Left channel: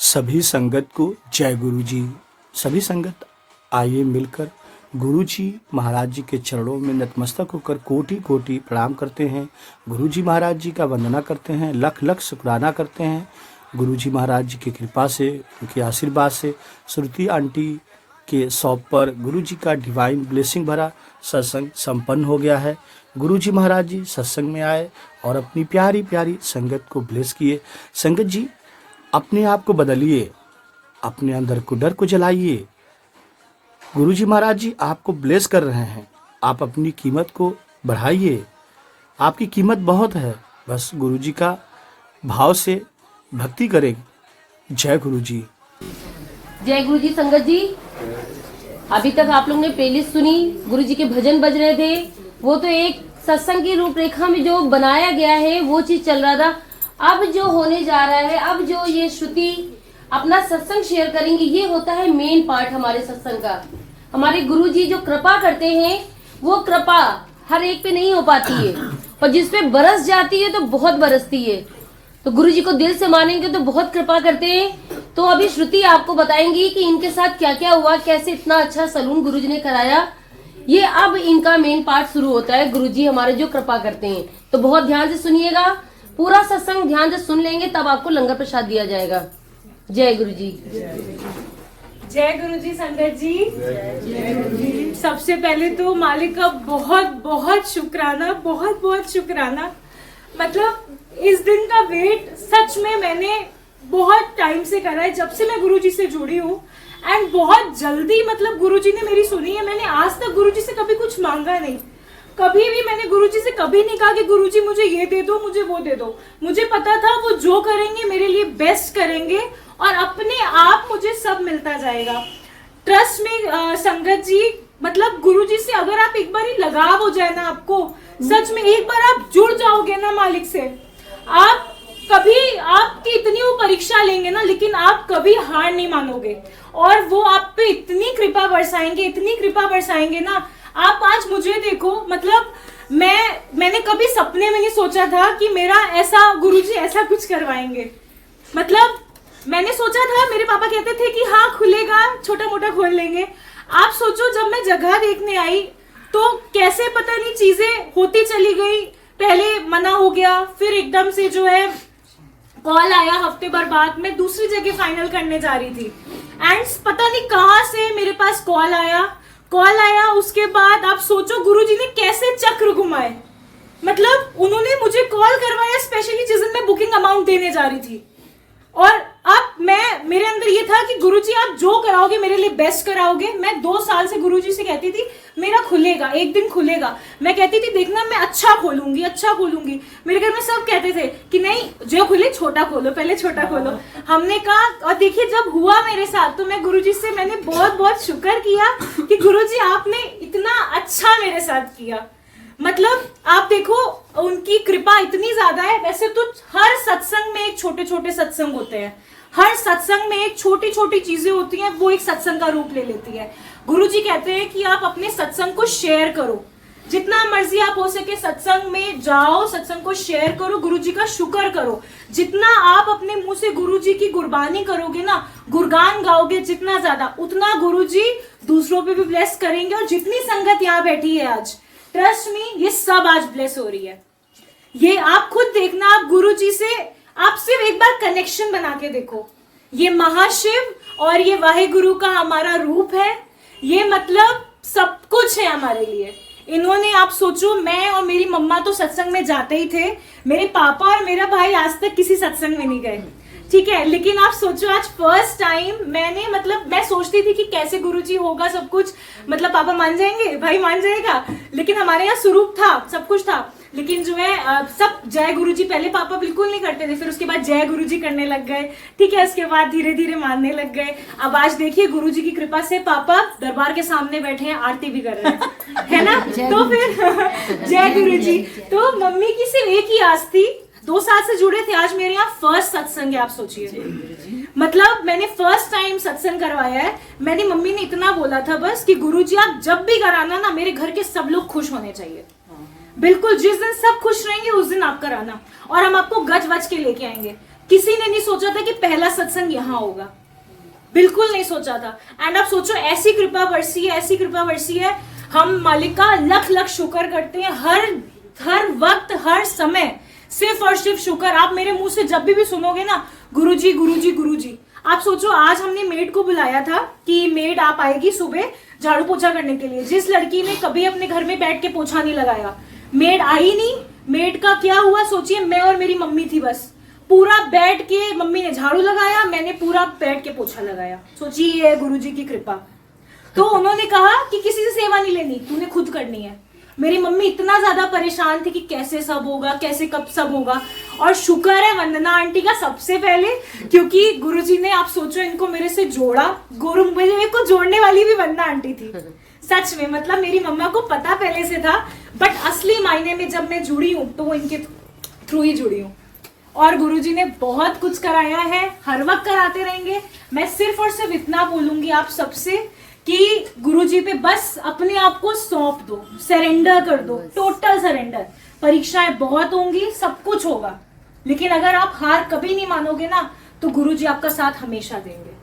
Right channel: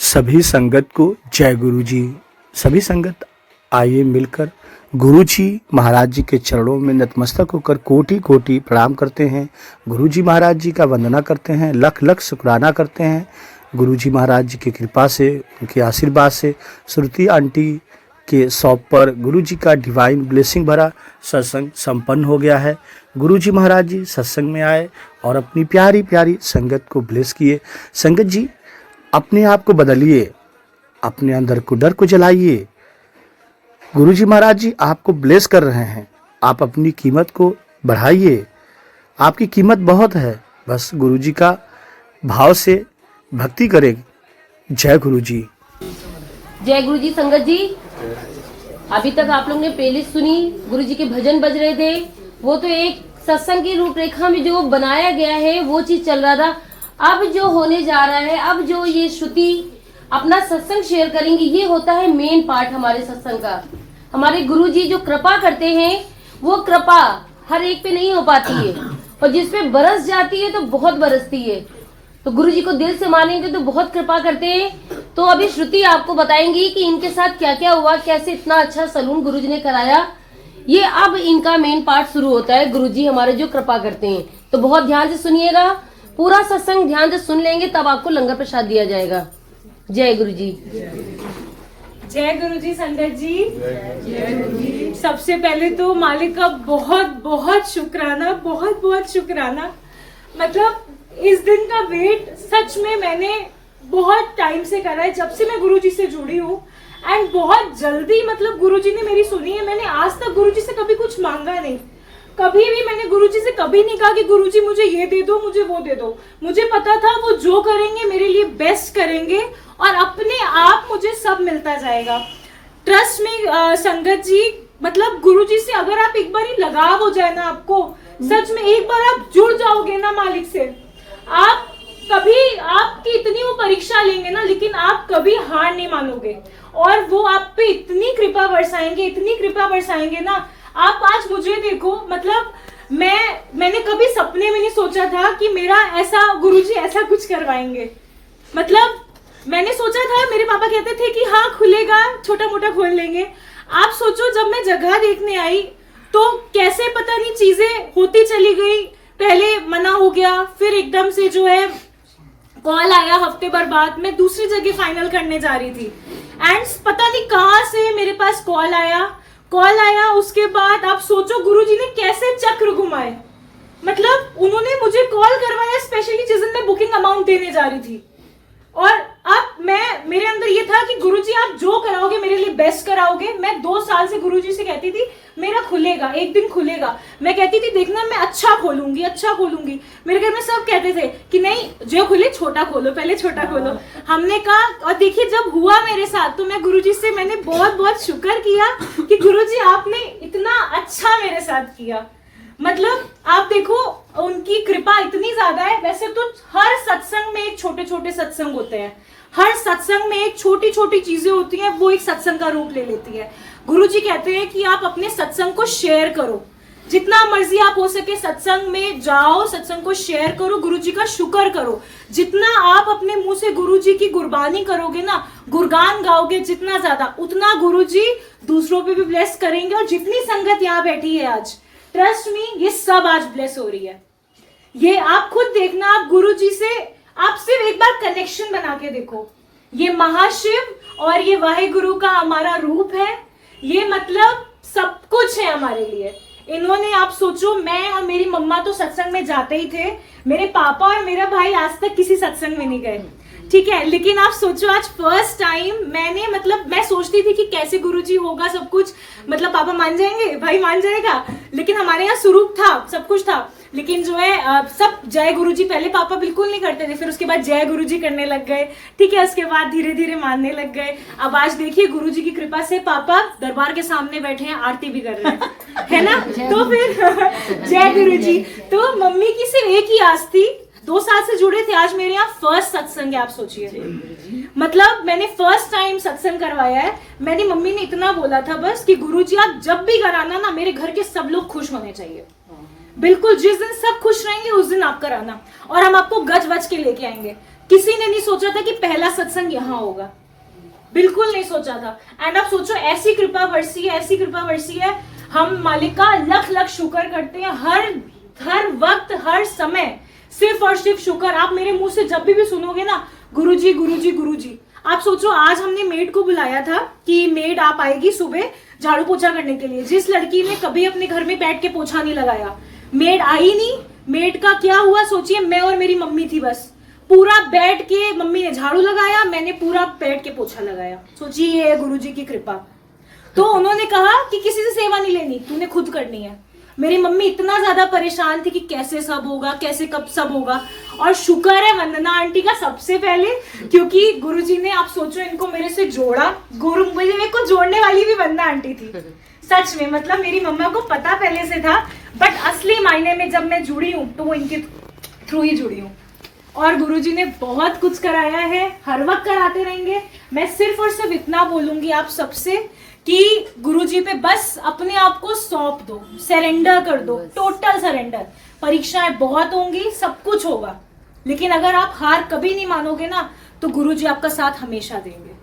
सभी संगत को जय गुरु जी। सभी संगत आइए मिलकर गुरु जी महाराज जी के चरणों में नतमस्तक होकर कोटि कोटि प्रणाम करते हैं। गुरु जी महाराज जी का वंदना करते हैं, लख लख शुक्राना करते हैं। गुरु जी महाराज जी की कृपा से, उनके आशीर्वाद से श्रुति आंटी के शॉप पर गुरु जी का डिवाइन ब्लेसिंग भरा सत्संग संपन्न हो गया है। गुरु जी महाराज जी सत्संग में आए और अपनी प्यारी प्यारी संगत को ब्लेस किए। संगत जी, अपने आप को बदलिए, अपने अंदर को डर को जलाइए। गुरु जी महाराज जी आपको ब्लेस कर रहे हैं, आप अपनी कीमत को बढ़ाइए। आपकी कीमत बहुत है, बस गुरु जी का भाव से भक्ति करें। जय गुरु जी। जय गुरु जी। संगत जी, अभी तक आप लोग ने प्लेलिस्ट सुनी, गुरु जी के भजन बज रहे थे, वो तो एक सत्संग की रूपरेखा में जो बनाया गया है वो चीज चल रहा था। अब जो होने जा रहा है, अब जो ये श्रुति अपना सत्संग शेयर करेंगे, ये होता है मेन पार्ट हमारे सत्संग का। हमारे गुरु जी जो कृपा करते हैं, वो कृपा हर एक पे नहीं हो पाती है, और जिस पे बरस जाती है तो बहुत बरसती है। तो गुरु जी को दिल से मानेंगे तो बहुत कृपा करते हैं। तो अभी श्रुति आपको बताएंगी कि इनके साथ क्या क्या हुआ, कैसे इतना अच्छा सलून गुरु जी ने कराया। ये अब इनका मेन पार्ट शुरू होता है। गुरु जी हमारे जो कृपा करते हैं, तो बहुत ध्यान से सुनिएगा। पूरा सत्संग ध्यान से सुन लेंगे तब आपको लंगर प्रसाद दिया जाएगा। जय गुरु जी। जय गुरु जी। संगत जी, सबसे पहले तो मालिक का बहुत बहुत शुक्राना, बहुत बहुत शुक्राना। मतलब इस दिन का वेट सच में मैंने बहुत टाइम से करा है, जब से मैं गुरुजी से जुड़ी हूँ। एंड बहुत जल्दी मतलब गुरुजी ने मेरी सुनी है। मैंने आज तक गुरुजी से कभी कुछ मांगा नहीं, कभी भी मैंने गुरुजी से कभी नहीं कहा कि गुरुजी मुझे ये दे दो, मुझे वो दे दो। मुझे पता था वो जो करेंगे मेरे लिए बेस्ट करेंगे, और अपने आप मुझे सब मिलता जाएगा। ट्रस्ट में संगत जी, मतलब गुरुजी से अगर आप एक बार ही लगाव हो जाए ना, आपको सच में एक बार आप जुड़ जाओगे ना मालिक से, आप कभी आपकी इतनी वो परीक्षा लेंगे ना, लेकिन आप कभी हार नहीं मानोगे। और वो आप पे इतनी कृपा बरसाएंगे, इतनी कृपा बरसाएंगे ना। आप आज मुझे देखो, मतलब मैंने कभी सपने में नहीं सोचा था कि मेरा ऐसा गुरुजी ऐसा कुछ करवाएंगे। मतलब मैंने सोचा था, मेरे पापा कहते थे कि हाँ खुलेगा, छोटा मोटा खोल लेंगे। आप सोचो, जब मैं जगह देखने आई तो कैसे पता नहीं चीजें होती चली गई। पहले मना हो गया, फिर एकदम से जो है कॉल आया हफ्ते भर बाद। मैं दूसरी जगह फाइनल करने जा रही थी, एंड पता नहीं कहां से मेरे पास कॉल आया। उसके बाद आप सोचो गुरुजी ने कैसे चक्र घुमाए। मतलब उन्होंने मुझे कॉल करवाया स्पेशली जिस दिन मैं बुकिंग अमाउंट देने जा रही थी। और अब मेरे अंदर ये था कि गुरुजी आप जो कराओगे मेरे लिए बेस्ट कराओगे। मैं 2 साल से गुरुजी से कहती थी मेरा खुलेगा, एक दिन खुलेगा। मैं कहती थी देखना मैं अच्छा खोलूंगी, अच्छा खोलूंगी। मेरे घर में सब कहते थे कि नहीं, जो खुले छोटा खोलो, पहले छोटा खोलो। हमने कहा, और देखिए जब हुआ मेरे साथ, तो मैं गुरुजी से मैंने बहुत बहुत शुक्र किया कि गुरुजी आपने इतना अच्छा मेरे साथ किया। मतलब आप देखो, उनकी कृपा इतनी ज्यादा है। वैसे तो हर सत्संग में एक छोटे छोटे सत्संग होते हैं, हर सत्संग में एक छोटी छोटी चीजें होती हैं, वो एक सत्संग का रूप ले लेती है। गुरुजी कहते हैं कि आप अपने सत्संग को शेयर करो, जितना मर्जी आप हो सके सत्संग में जाओ, सत्संग को शेयर करो, गुरुजी का शुक्र करो। जितना आप अपने मुंह से गुरुजी की गुरबानी करोगे ना, गुणगान गाओगे जितना ज्यादा, उतना गुरुजी दूसरों पे भी ब्लेस करेंगे। और जितनी संगत यहाँ बैठी है आज, ट्रस्ट में ये सब आज ब्लेस हो रही है। ये आप खुद देखना, आप गुरुजी से आप सिर्फ एक बार कनेक्शन बना के देखो। ये महाशिव और ये वाहेगुरु का हमारा रूप है। ये मतलब सब कुछ है हमारे लिए। इन्होंने, आप सोचो, मैं और मेरी मम्मा तो सत्संग में जाते ही थे, मेरे पापा और मेरा भाई आज तक किसी सत्संग में नहीं गए, ठीक है। लेकिन आप सोचो, आज फर्स्ट टाइम मैंने, मतलब मैं सोचती थी कि कैसे गुरुजी होगा सब कुछ, मतलब पापा मान जाएंगे, भाई मान जाएगा। लेकिन हमारे यहाँ स्वरूप था, सब कुछ था। लेकिन जो है सब जय गुरुजी, पहले पापा बिल्कुल नहीं करते थे, फिर उसके बाद जय गुरुजी करने लग गए, ठीक है। उसके बाद धीरे धीरे मानने लग गए। अब आज देखिए गुरुजी की कृपा से पापा दरबार के सामने बैठे हैं, आरती भी कर रहे हैं, है ना। तो फिर जय गुरुजी। तो मम्मी की सिर्फ एक ही आस थी, 2 साल से जुड़े थे, आज मेरे यहाँ फर्स्ट सत्संग है। आप सोचिए, मतलब मैंने फर्स्ट टाइम सत्संग करवाया है। मैंने, मम्मी ने इतना बोला था बस कि गुरुजी आप जब भी कराना ना, मेरे घर के सब लोग खुश होने चाहिए। बिल्कुल, जिस दिन सब खुश रहेंगे उस दिन आप कराना, और हम आपको गज वज के लेके आएंगे। किसी ने नहीं सोचा था कि पहला सत्संग यहाँ होगा, बिल्कुल नहीं सोचा था। एंड आप सोचो, ऐसी कृपा बरसी है, ऐसी कृपा बरसी है। हम मालिक का लख लख शुक्र करते हैं, हर वक्त हर समय सिर्फ और सिर्फ शुक्र। आप मेरे मुंह से जब भी सुनोगे ना गुरुजी गुरुजी गुरुजी, आप सोचो आज हमने मेड को बुलाया था कि मेड आप आएगी सुबह झाड़ू पोछा करने के लिए। जिस लड़की ने कभी अपने घर में बैठ के पोछा नहीं लगाया, मेड आई नहीं। मेड का क्या हुआ सोचिए, मैं और मेरी मम्मी थी बस, पूरा बैठ के मम्मी ने झाड़ू लगाया, मैंने पूरा बैठ के पोछा लगाया। सोचिए ये है गुरुजी की कृपा। तो उन्होंने कहा कि किसी से सेवा नहीं लेनी, तूने खुद करनी है। मेरी मम्मी इतना ज्यादा परेशान थी कि कैसे सब होगा, कैसे कब सब होगा। और शुक्र है वंदना आंटी का सबसे पहले, क्योंकि गुरुजी ने, आप सोचो, इनको मेरे से जोड़ा। गुरु मेरे को जोड़ने वाली भी वंदना आंटी थी सच में। मतलब मेरी मम्मा को पता पहले से था, बट असली मायने में जब मैं जुड़ी हूँ तो वो इनके थ्रू ही जुड़ी हूँ। और गुरुजी ने बहुत कुछ कराया है, हर वक्त कराते रहेंगे। मैं सिर्फ और सिर्फ इतना बोलूंगी आप सबसे कि गुरुजी पे बस अपने आप को सौंप दो, सरेंडर कर दो, टोटल सरेंडर। परीक्षाएं बहुत होंगी, सब कुछ होगा, लेकिन अगर आप हार कभी नहीं मानोगे ना तो गुरुजी आपका साथ हमेशा देंगे।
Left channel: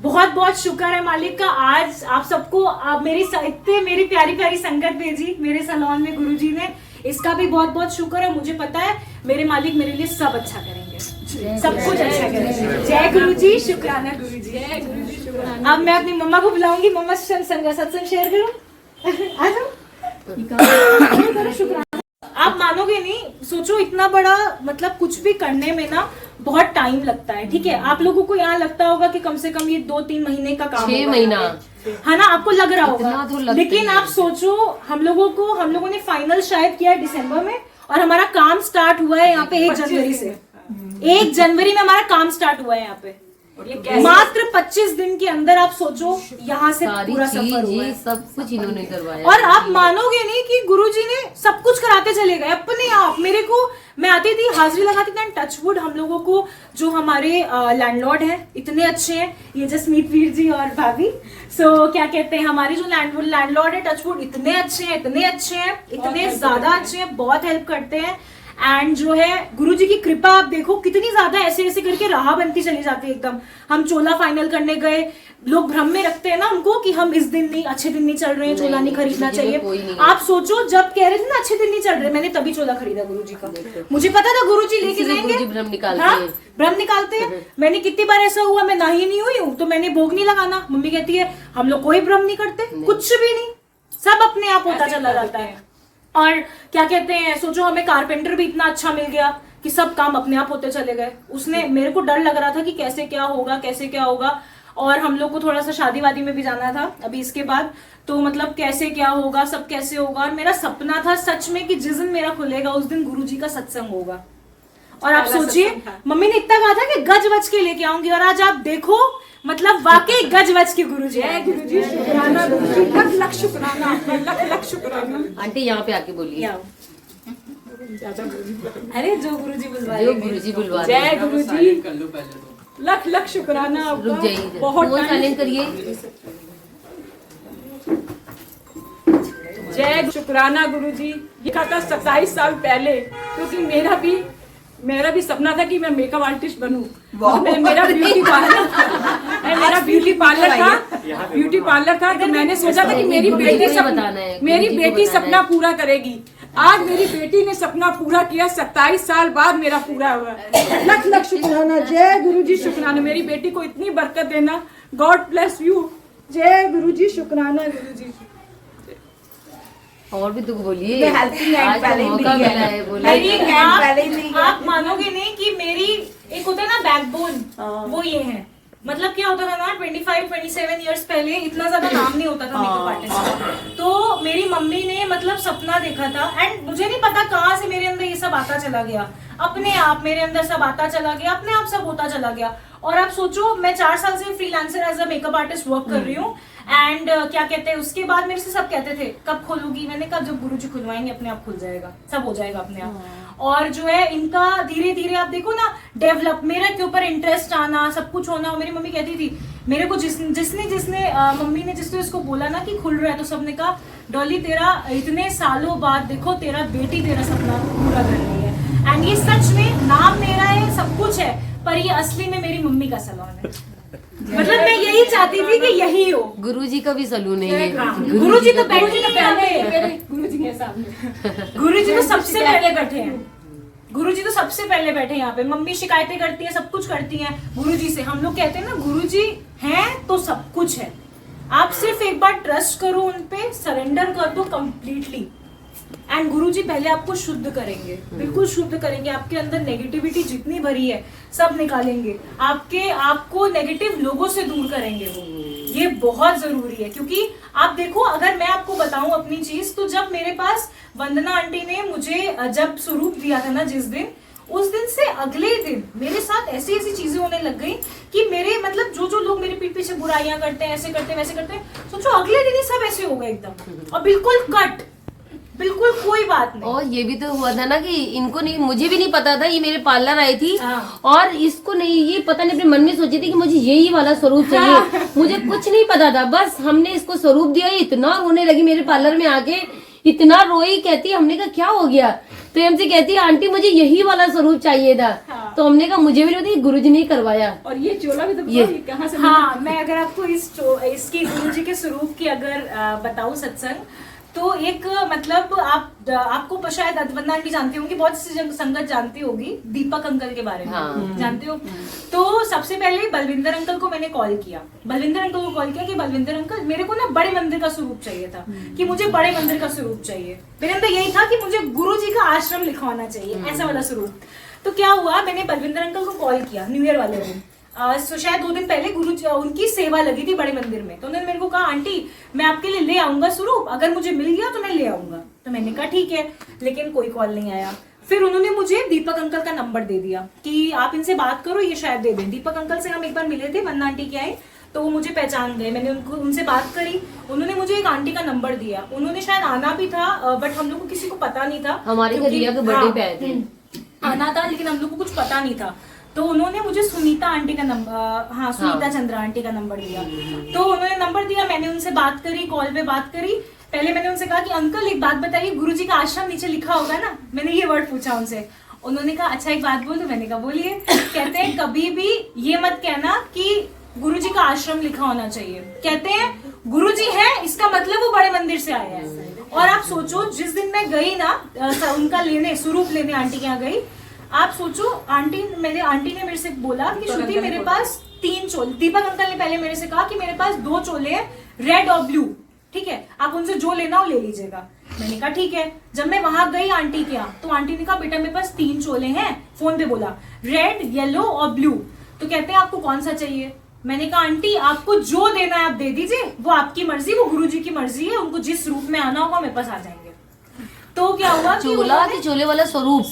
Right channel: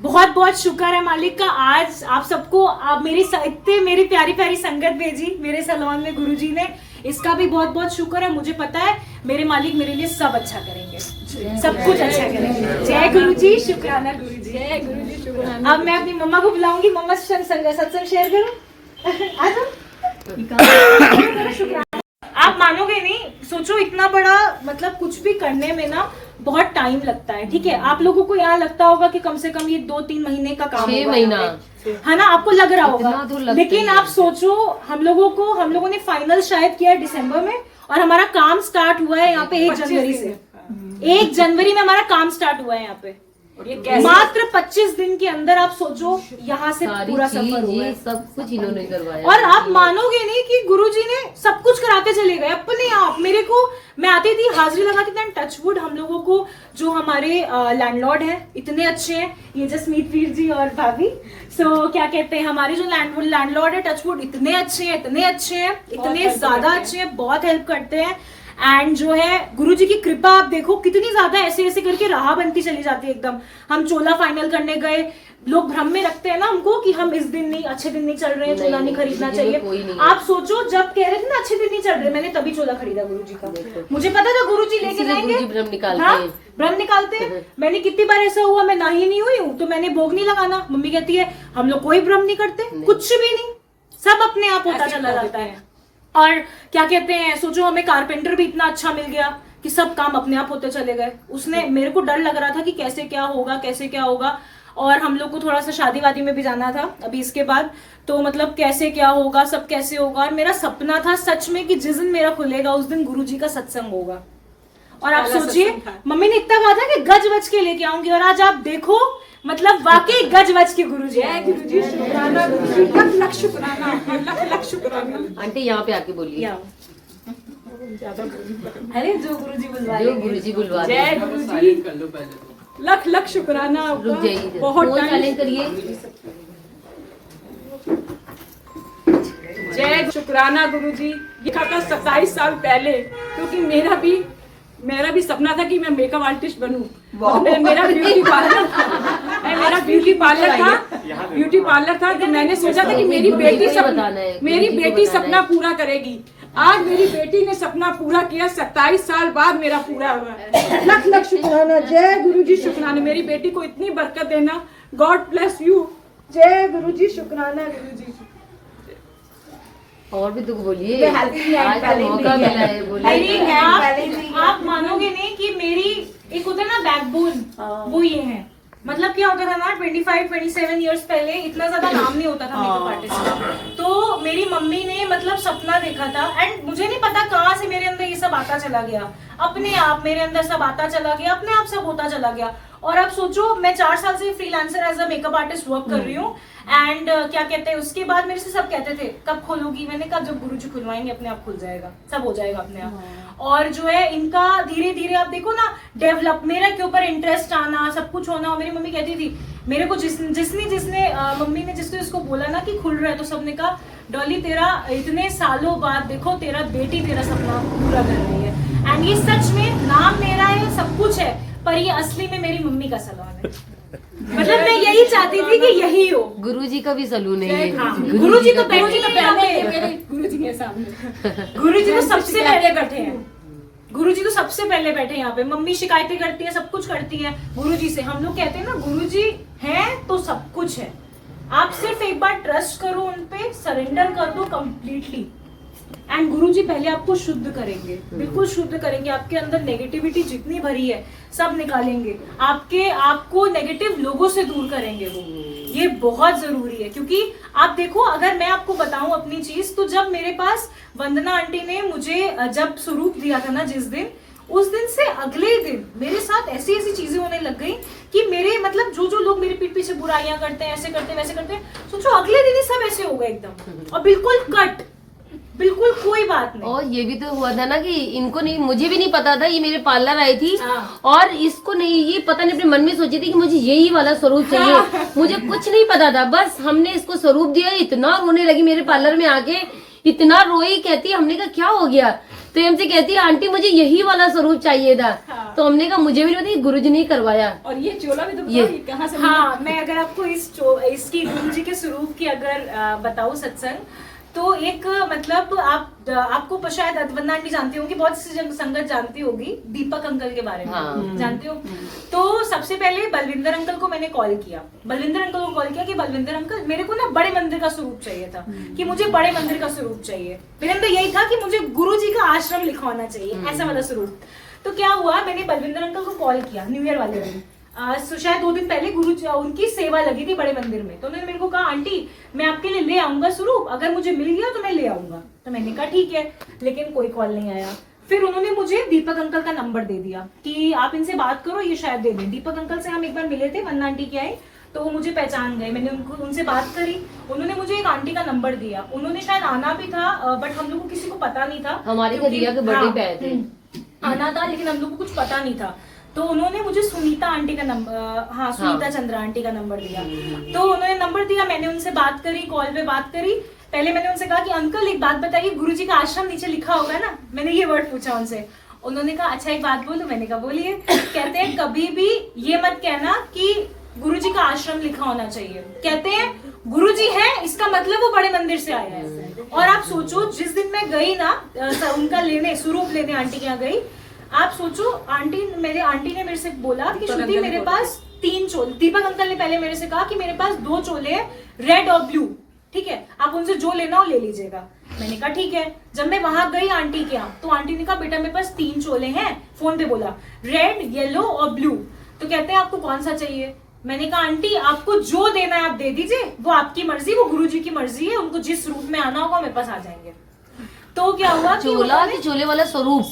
बहुत बहुत शुक्र है मालिक का, आज आप सबको, आप मेरी प्यारी प्यारी संगत भेजी मेरे सैलून में गुरुजी ने, इसका भी बहुत बहुत शुक्र है। मुझे पता है मेरे मालिक मेरे लिए सब अच्छा करेंगे, सब कुछ अच्छा करेंगे। जय गुरुजी, शुक्राना गुरुजी, जय गुरुजी, शुक्राना। अब मैं अपनी मम्मा को बुलाऊंगी, मम्मा सत्संग शेयर करो। आ जाओ। शुक्राना। आप मानोगे नहीं, सोचो इतना बड़ा, मतलब कुछ भी करने में ना बहुत टाइम लगता है। ठीक है, आप लोगों को यहाँ लगता होगा कि कम से कम ये 2-3 महीने का काम 6 महीना है ना, आपको लग रहा होगा, तो लेकिन आप सोचो हम लोगों ने फाइनल शायद किया दिसंबर में, और हमारा काम स्टार्ट हुआ है यहाँ पे 1 जनवरी से। 1 जनवरी में हमारा काम स्टार्ट हुआ है यहाँ पे, मात्र 25 दिन के अंदर। आप सोचो यहाँ से पूरा सफर हुआ है, सब कुछ इन्होंने करवाया। और आप मानोगे नहीं कि गुरुजी ने सब कुछ कराते चले गए अपने आप। मेरे को, मैं आती थी, हाजिरी लगाती थी, टचवुड हम लोगों को जो हमारे लैंडलॉर्ड हैं इतने अच्छे हैं, ये जसमीत वीर जी और भाभी, क्या कहते हैं, हमारे जो लैंडलॉर्ड है टचवुड इतने अच्छे हैं, इतने ज्यादा अच्छे हैं, बहुत हेल्प करते हैं। एंड जो है गुरुजी की कृपा आप देखो कितनी ज्यादा, ऐसे ऐसे करके राह बनती चली जाती है एकदम। हम चोला फाइनल करने गए, लोग भ्रम में रखते हैं ना हमको कि हम इस दिन नहीं, अच्छे दिन नहीं चल रहे हैं, चोला नहीं खरीदना चाहिए। आप सोचो जब कह रहे थे ना अच्छे दिन नहीं चल रहे, मैंने तभी चोला खरीदा गुरुजी का। मुझे पता था गुरुजी लेके जाएंगे, भ्रम निकालते हैं। मैंने कितनी बार ऐसा हुआ, मैं नाही नहीं हुई हूँ तो मैंने भोग नहीं लगाना, मम्मी कहती है हम लोग कोई भ्रम नहीं करते, कुछ भी नहीं, सब अपने आप होता चला जाता है। और क्या कहते हैं, सोचो हमें कारपेंटर भी इतना अच्छा मिल गया कि सब काम अपने आप होते चले गए। उसने, मेरे को डर लग रहा था कि कैसे क्या होगा, और हम लोग को थोड़ा सा शादी वादी में भी जाना था अभी इसके बाद, तो मतलब कैसे क्या होगा, सब कैसे होगा। और मेरा सपना था सच में कि जिस दिन मेरा खुलेगा उस दिन गुरुजी का सत्संग होगा। और आप सोचिए, मम्मी ने इतना कहा था कि गज बज के लेके आऊंगी, और आज आप देखो मतलब वाकई गज बज के गुरुजी आए। आंटी यहाँ पे आके बोलिए, अरे जो गुरुजी बुलवा, जय गुरुजी, लख लख शुक्राना आपका, बहुत टाइम करिए। जय शुक्राना गुरुजी। लिखा था 27 साल पहले, क्योंकि मेरा भी सपना था कि मैं मेकअप आर्टिस्ट बनूं। मेरा ब्यूटी पार्लर था, तो मैंने सोचा था कि मेरी बेटी सपना पूरा करेगी। आज मेरी बेटी ने सपना पूरा किया, 27 साल बाद मेरा पूरा हुआ। लख लख शुक्राना, जय गुरुजी, शुक्राना। मेरी बेटी को इतनी बरकत देना, गॉड ब्लेस यू। जय गुरुजी, शुक्राना गुरुजी। और भी तो बोलिए, आज तो मौका मिला है, बोलिए। आप मानोगे नहीं कि मेरी एक होता है ना बैकबोन, वो ये है। मतलब क्या होता था ना 25-27 इयर्स पहले इतना ज्यादा नाम नहीं होता था मेकअप आर्टिस्ट का। तो मेरी मम्मी ने मतलब सपना देखा था, एंड मुझे नहीं पता कहाँ से मेरे अंदर ये सब आता चला गया, अपने आप मेरे अंदर सब आता चला गया, अपने आप सब होता चला गया। और आप सोचो मैं 4 साल से freelancer as a makeup artist work कर रही हूँ। एंड क्या कहते हैं, उसके बाद मेरे से सब कहते थे कब खोलूंगी, मैंने कहा जब गुरुजी खुलवाएंगे अपने आप खुल जाएगा, सब हो जाएगा अपने आप। और जो है इनका धीरे धीरे आप देखो ना डेवलप, मेरे के ऊपर इंटरेस्ट आना, सब कुछ होना। और मेरी मम्मी कहती थी मेरे को, जिसने मम्मी ने जिसने उसको बोला ना कि खुल रहा है, तो सबने कहा डॉली तेरा इतने सालों बाद देखो तेरा बेटी तेरा सपना पूरा कर रही है। एंड ये सच में नाम मेरा है, सब कुछ है, पर ये असली में मेरी मम्मी का सलून है। मतलब मैं यही चाहती थी कि यही हो। गुरुजी का भी सलून है ये। गुरुजी तो बैठे हैं यहाँ पे, गुरुजी के सामने गुरुजी तो सबसे पहले बैठे हैं, गुरुजी तो सबसे पहले बैठे हैं यहाँ पे। मम्मी शिकायतें करती है, सब कुछ करती हैं गुरुजी से। हम लोग कहते हैं ना गुरुजी हैं तो सब कुछ है। आप सिर्फ एक बार ट्रस्ट करो उन पे, सरेंडर कर दो कंप्लीटली, एंड गुरुजी पहले आपको शुद्ध करेंगे, बिल्कुल शुद्ध करेंगे। आपके अंदर नेगेटिविटी जितनी भरी है सब निकालेंगे, आपको नेगेटिव लोगों से दूर करेंगे वो। ये बहुत जरूरी है, क्योंकि आप देखो, अगर मैं आपको बताऊं अपनी चीज, तो जब मेरे पास वंदना आंटी ने मुझे जब स्वरूप दिया था ना जिस दिन, उस दिन से अगले दिन मेरे साथ ऐसी ऐसी चीजें होने लग गई कि मेरे मतलब जो लोग मेरे पीठ पीछे बुराइयां करते हैं, ऐसे करते हैं वैसे करते हैं, सोचो अगले दिन ही सब ऐसे हो गए एकदम, और बिल्कुल कट, बिल्कुल कोई बात नहीं। और ये भी तो हुआ था ना कि इनको नहीं, मुझे भी नहीं पता था, ये मेरे पार्लर आई थी और इसको नहीं, ये पता नहीं अपने मन में सोची थी कि मुझे यही वाला स्वरूप चाहिए। मुझे कुछ नहीं पता था, बस हमने इसको स्वरूप दिया, इतना रोने लगी मेरे पार्लर में आके, इतना रोई। कहती हमने कहा क्या हो गया, तो ये हमसे कहती है आंटी मुझे यही वाला स्वरूप चाहिए था। तो हमने कहा मुझे भी नहीं पता, गुरुजी ने करवाया। और ये चोला भी तो ये कहाँ से? हाँ, मैं अगर आपको इसकी गुरुजी के स्वरूप की अगर बताऊं सत्संग, तो एक मतलब आपको शायद वंदना आंटी जानती होंगी, बहुत सी संगत जानती होगी, दीपक अंकल के बारे में। हाँ। जानती हो? तो सबसे पहले बलविंदर अंकल को मैंने कॉल किया, कि बलविंदर अंकल मेरे को ना बड़े मंदिर का स्वरूप चाहिए था, कि मुझे बड़े मंदिर का स्वरूप चाहिए। मेरे अंदर यही था कि मुझे गुरुजी का आश्रम लिखवाना चाहिए, ऐसा वाला स्वरूप। तो क्या हुआ, मैंने बलविंदर अंकल को कॉल किया न्यू ईयर वाले दिन, शायद 2 दिन पहले उनकी सेवा लगी थी बड़े मंदिर में। तो उन्होंने मेरे को कहा आंटी मैं आपके लिए ले आऊंगा स्वरूप, अगर मुझे मिल गया तो मैं ले आऊंगा। तो मैंने कहा ठीक है, लेकिन कोई कॉल नहीं आया। फिर उन्होंने मुझे दीपक अंकल का नंबर दे दिया कि आप इनसे बात करो, ये शायद दे दें। दीपक अंकल से हम एक बार मिले थे, वंदना आंटी के आए, तो वो मुझे पहचान गए। मैंने उनसे बात करी, उन्होंने मुझे एक आंटी का नंबर दिया। उन्होंने शायद आना भी था, बट हम लोग को किसी को पता नहीं था। हमारे घर रिया के बर्थडे पे आए थे, आना था, लेकिन हम लोग को कुछ पता नहीं था। तो उन्होंने मुझे सुनीता आंटी का नंबर, सुनीता चंद्रा आंटी का नंबर दिया। तो उन्होंने नंबर दिया, मैंने उनसे बात करी, कॉल पे बात करी। पहले मैंने उनसे कहा कि अंकल एक बात बताइए, गुरुजी का आश्रम नीचे लिखा होगा ना, मैंने ये वर्ड पूछा उनसे। उन्होंने कहा अच्छा एक बात बोलूं, मैंने कहा बोलिए। कहते हैं कभी भी ये मत कहना कि गुरुजी का आश्रम लिखा होना चाहिए, कहते हैं गुरुजी है इसका मतलब वो बड़े मंदिर से आया है। और आप सोचो, जिस दिन मैं गई ना उनका लेने, स्वरूप लेने आंटी के यहाँ गई, आप सोचो, आंटी ने मेरे से बोला कि श्रुति मेरे पास 3 चोले, दीपक अंकल ने पहले मेरे से कहा कि मेरे पास 2 चोले हैं, रेड और ब्लू, ठीक है, आप उनसे जो लेना हो ले लीजिएगा। मैंने कहा ठीक है। जब मैं वहां गई आंटी के यहाँ, तो आंटी ने कहा बेटा मेरे पास 3 चोले हैं, फोन पे बोला, रेड, येलो और ब्लू। तो कहते हैं आपको कौन सा चाहिए? मैंने कहा आंटी आपको जो देना है आप दे दीजिए, वो आपकी मर्जी, वो गुरुजी की मर्जी है, उनको जिस रूप में आना होगा मेरे पास आ जाएंगे। तो क्या हुआ, चोला कि चोले वाला स्वरूप?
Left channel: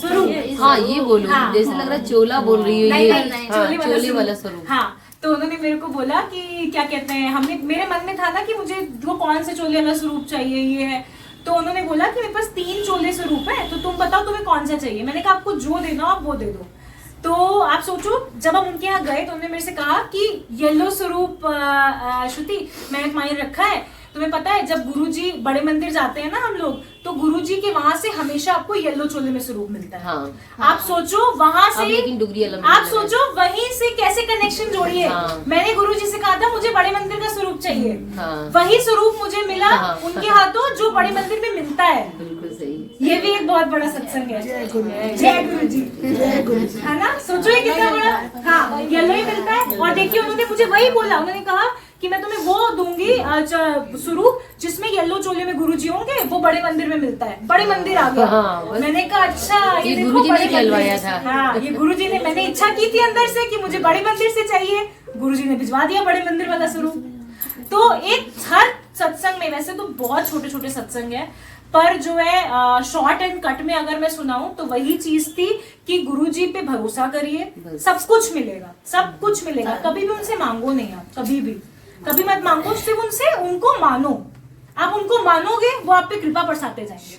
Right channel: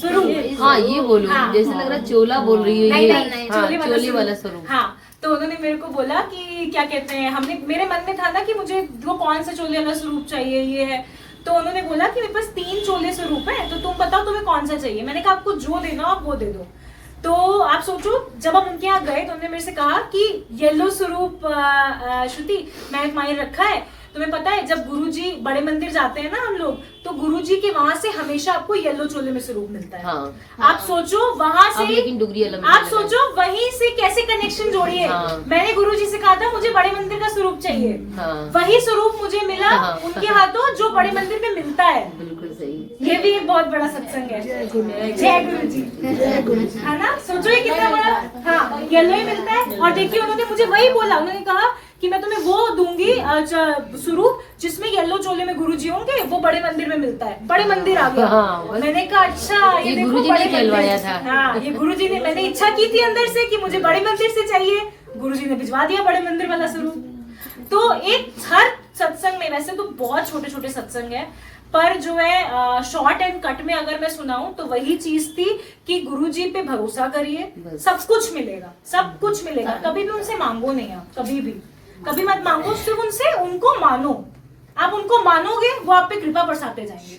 हाँ ये बोलो, जैसे लग रहा है चोला बोल रही हो ये। हाँ, चोले वाला स्वरूप। हाँ, तो उन्होंने मेरे को बोला कि क्या कहते हैं, हमने, मेरे मन में था ना कि मुझे वो कौन से चोले वाला स्वरूप चाहिए, ये है। तो उन्होंने बोला कि मेरे पास 3 चोले स्वरूप है, तो तुम बताओ तुम्हें कौन सा चाहिए। मैंने कहा आपको जो देना आप वो दे दो। तो आप सोचो, जब हम उनके यहाँ गए तो उन्होंने मेरे से कहा कि येलो स्वरूप श्रुति मैंने तुम्हारे रखा है। तुम्हें पता है जब गुरुजी बड़े मंदिर जाते हैं ना हम लोग, तो गुरुजी के वहां से हमेशा आपको येलो चोले में स्वरूप मिलता है। हाँ, आप सोचो वहां से, लेकिन डुगरी अलग, आप सोचो वहीं से कैसे कनेक्शन जोड़िए। हाँ, मैंने गुरुजी से कहा था मुझे बड़े मंदिर का स्वरूप चाहिए, हाँ, वही स्वरूप मुझे मिला हाँ, उनके हाथों जो बड़े मंदिर में मिलता है। बिल्कुल सही। ये भी एक बहुत बड़ा सत्संग है। जय गुरुजी, है ना? सोचो ये कितना बड़ा। हाँ, येलो ही मिलता है। और देखिए उन्होंने मुझे वही बोला, उन्होंने कहा कि मैं तुम्हें वो दूंगी स्वरूप जिसमें येलो चोले में गुरुजी होंगे, वो बड़े मंदिर में मिलता है। बड़े मंदिर आ गया। हाँ, मैंने कहा अच्छा ये गुरुजी ने कहलवाया था। हाँ, ये गुरुजी ने, मैंने इच्छा की थी अंदर से कि मुझे बड़े मंदिर से चाहिए, गुरुजी ने भिजवा दिया बड़े मंदिर वाला स्वरूप। तो एक हर सत्संग में, वैसे तो बहुत छोटे छोटे सत्संग है, पर जो है शॉर्ट एंड कट में अगर मैं सुनाऊं तो वही चीज थी कि गुरुजी पे भरोसा करिए, सब कुछ मिलेगा, सब कुछ मिलेगा। कभी भी उनसे मांगो नहीं, आप कभी मत मांगो, सिर्फ उनसे उनको मानो। आप उनको मानोगे वो आप पे कृपा बरसाते जाएंगे,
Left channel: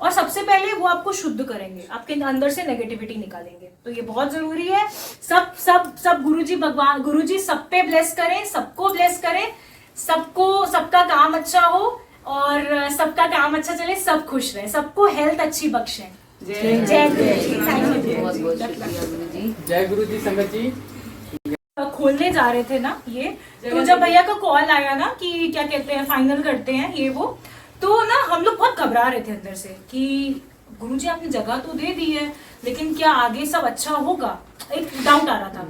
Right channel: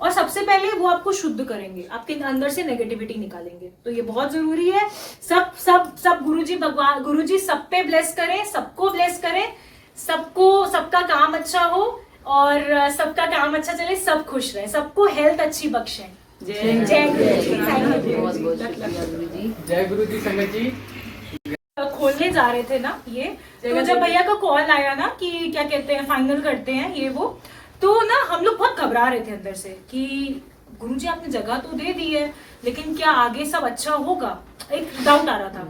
और सबसे पहले वो आपको शुद्ध करेंगे, आपके अंदर से नेगेटिविटी निकालेंगे। तो ये बहुत जरूरी है। सब सब सब गुरुजी, भगवान गुरुजी सब पे ब्लेस करें, सबको ब्लेस करें, सबको, सबका काम अच्छा हो और सबका काम अच्छा चले, सब खुश रहे, सबको हेल्थ अच्छी बख्शें। जय गुरुजी। Thank you. बहुत बहुत शुक्रिया गुरुजी। जय गुरु जी संगत जी। खोलने जा रहे थे ना ये, तो जब भैया का कॉल आया ना कि क्या कहते हैं फाइनल करते हैं ये वो, तो ना हम लोग बहुत घबरा रहे थे अंदर से कि गुरुजी आपने जगह तो दे दी है लेकिन क्या आगे सब अच्छा होगा, एक डाउट आ रहा था।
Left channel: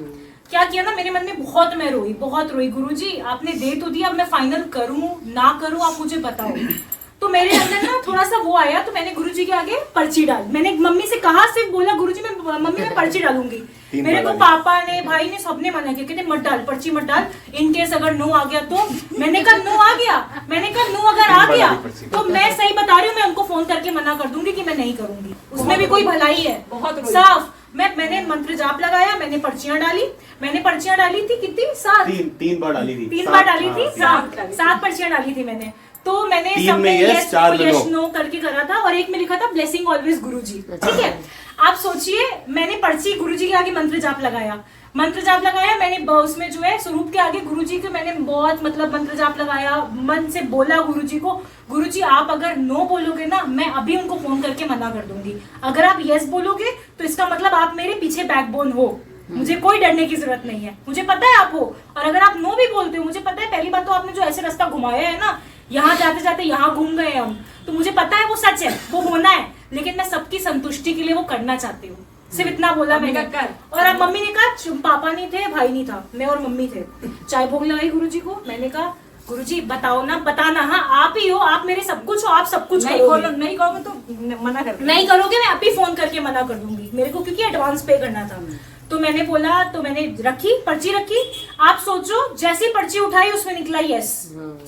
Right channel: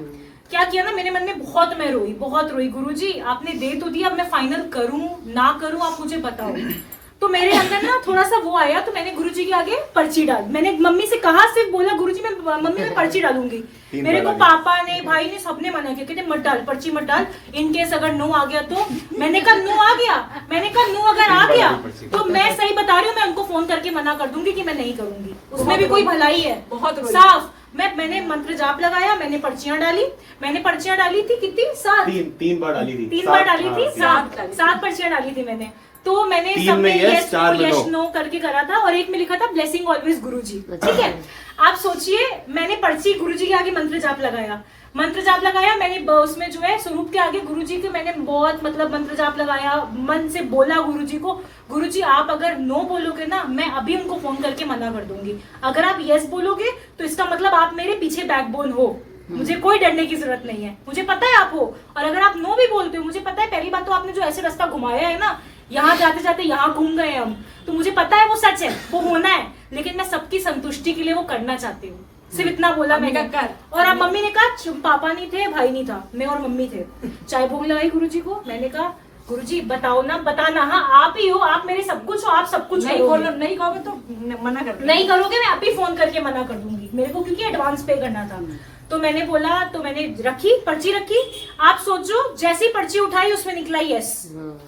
क्या किया ना, मेरे मन में बहुत रोई गुरुजी आपने दे तो दिया, अब मैं फाइनल करूं ना करूं आप मुझे बताओ। तो मेरे अंदर ना थोड़ा सा वो आया, तो मैंने गुरुजी के आगे पर्ची डाल, मैंने मम्मी से कहा, सिर्फ बोला गुरुजी मैं पर्ची डालूंगी। मेरे को पापा ने भाई ने सबने मना किया, कहते मत डाल पर्ची मत डाल, इनकेस अगर नो आ गया तो। मैंने कहा नो आ गया, मैंने कहा नो अगर आ गया तो मैं सही बता रही हूँ, मैं उनको फोन करके मना कर दूंगी कि मैं नहीं करूंगी, उसमें भी कोई भलाई है साफ। मैंने मंत्र जाप लगाया, मैंने पर्चियां डाली थी कितनी, 7 तीन बार डाली थी, 3 बार डाली थी, 7 पर्चियां डाली थी मैंने। तो मैंने सब में यस नो करके करा था, और एक में लिखा था ब्लेसिंग ऑलवेज गुरुजी। ठीक है, आप सोचिए मैंने पर्ची गुरुजी के आगे मंत्र जाप लगाया, मैंने उसमें जो है स्वरूप के आगे गुरुजी के मैंने बहुत मतलब मंत्र जाप लगाया, मन से बोला गुरुजी को, गुरुजी आप अगर नो बोलोगे ना मैं अभी उनको फोन करके मना कर दूंगी, अगर आप यस बोलोगे तो इसका मतलब आप मेरे पीछे बैकबोन हो, मुझे कोई डरने की जरूरत नहीं है, मुझे पता है आप हो। और अगर आप नो भी बोलते हो, मुझे पता है पहली बात तो आपने जो ऐसे रास्ता घुमाया है ना, यहाँ जाते जाते यहाँ घूम गए हम, तो मुझे पता है वो सच है, वो होना है, लेकिन मैं सबकी संतुष्टि के लिए वो करना चाहती हूँ, सिर्फ इतना बोला मैंने। और अब मम्मी ने कहा, पापा नहीं थे, भाई नहीं था, मैं और मम्मी थे, चाय भोग लगाई गुरुजी को। मैंने कहा गुरुजी बताओ ना, बताना, हाँ आप ही हो, आप मेरे सब कुछ हो, आप सब कुछ नहीं कहोगे तो मना कर, नहीं करोगे मैं अभी फोन करके मना कर दूंगी, मेरे को क्योंकि एडवांस पे करना था। तो मैंने बोला, तो मैंने पर्ची रखी, आप सोचो जैसी पर्ची उठाई उसमें निकला यस।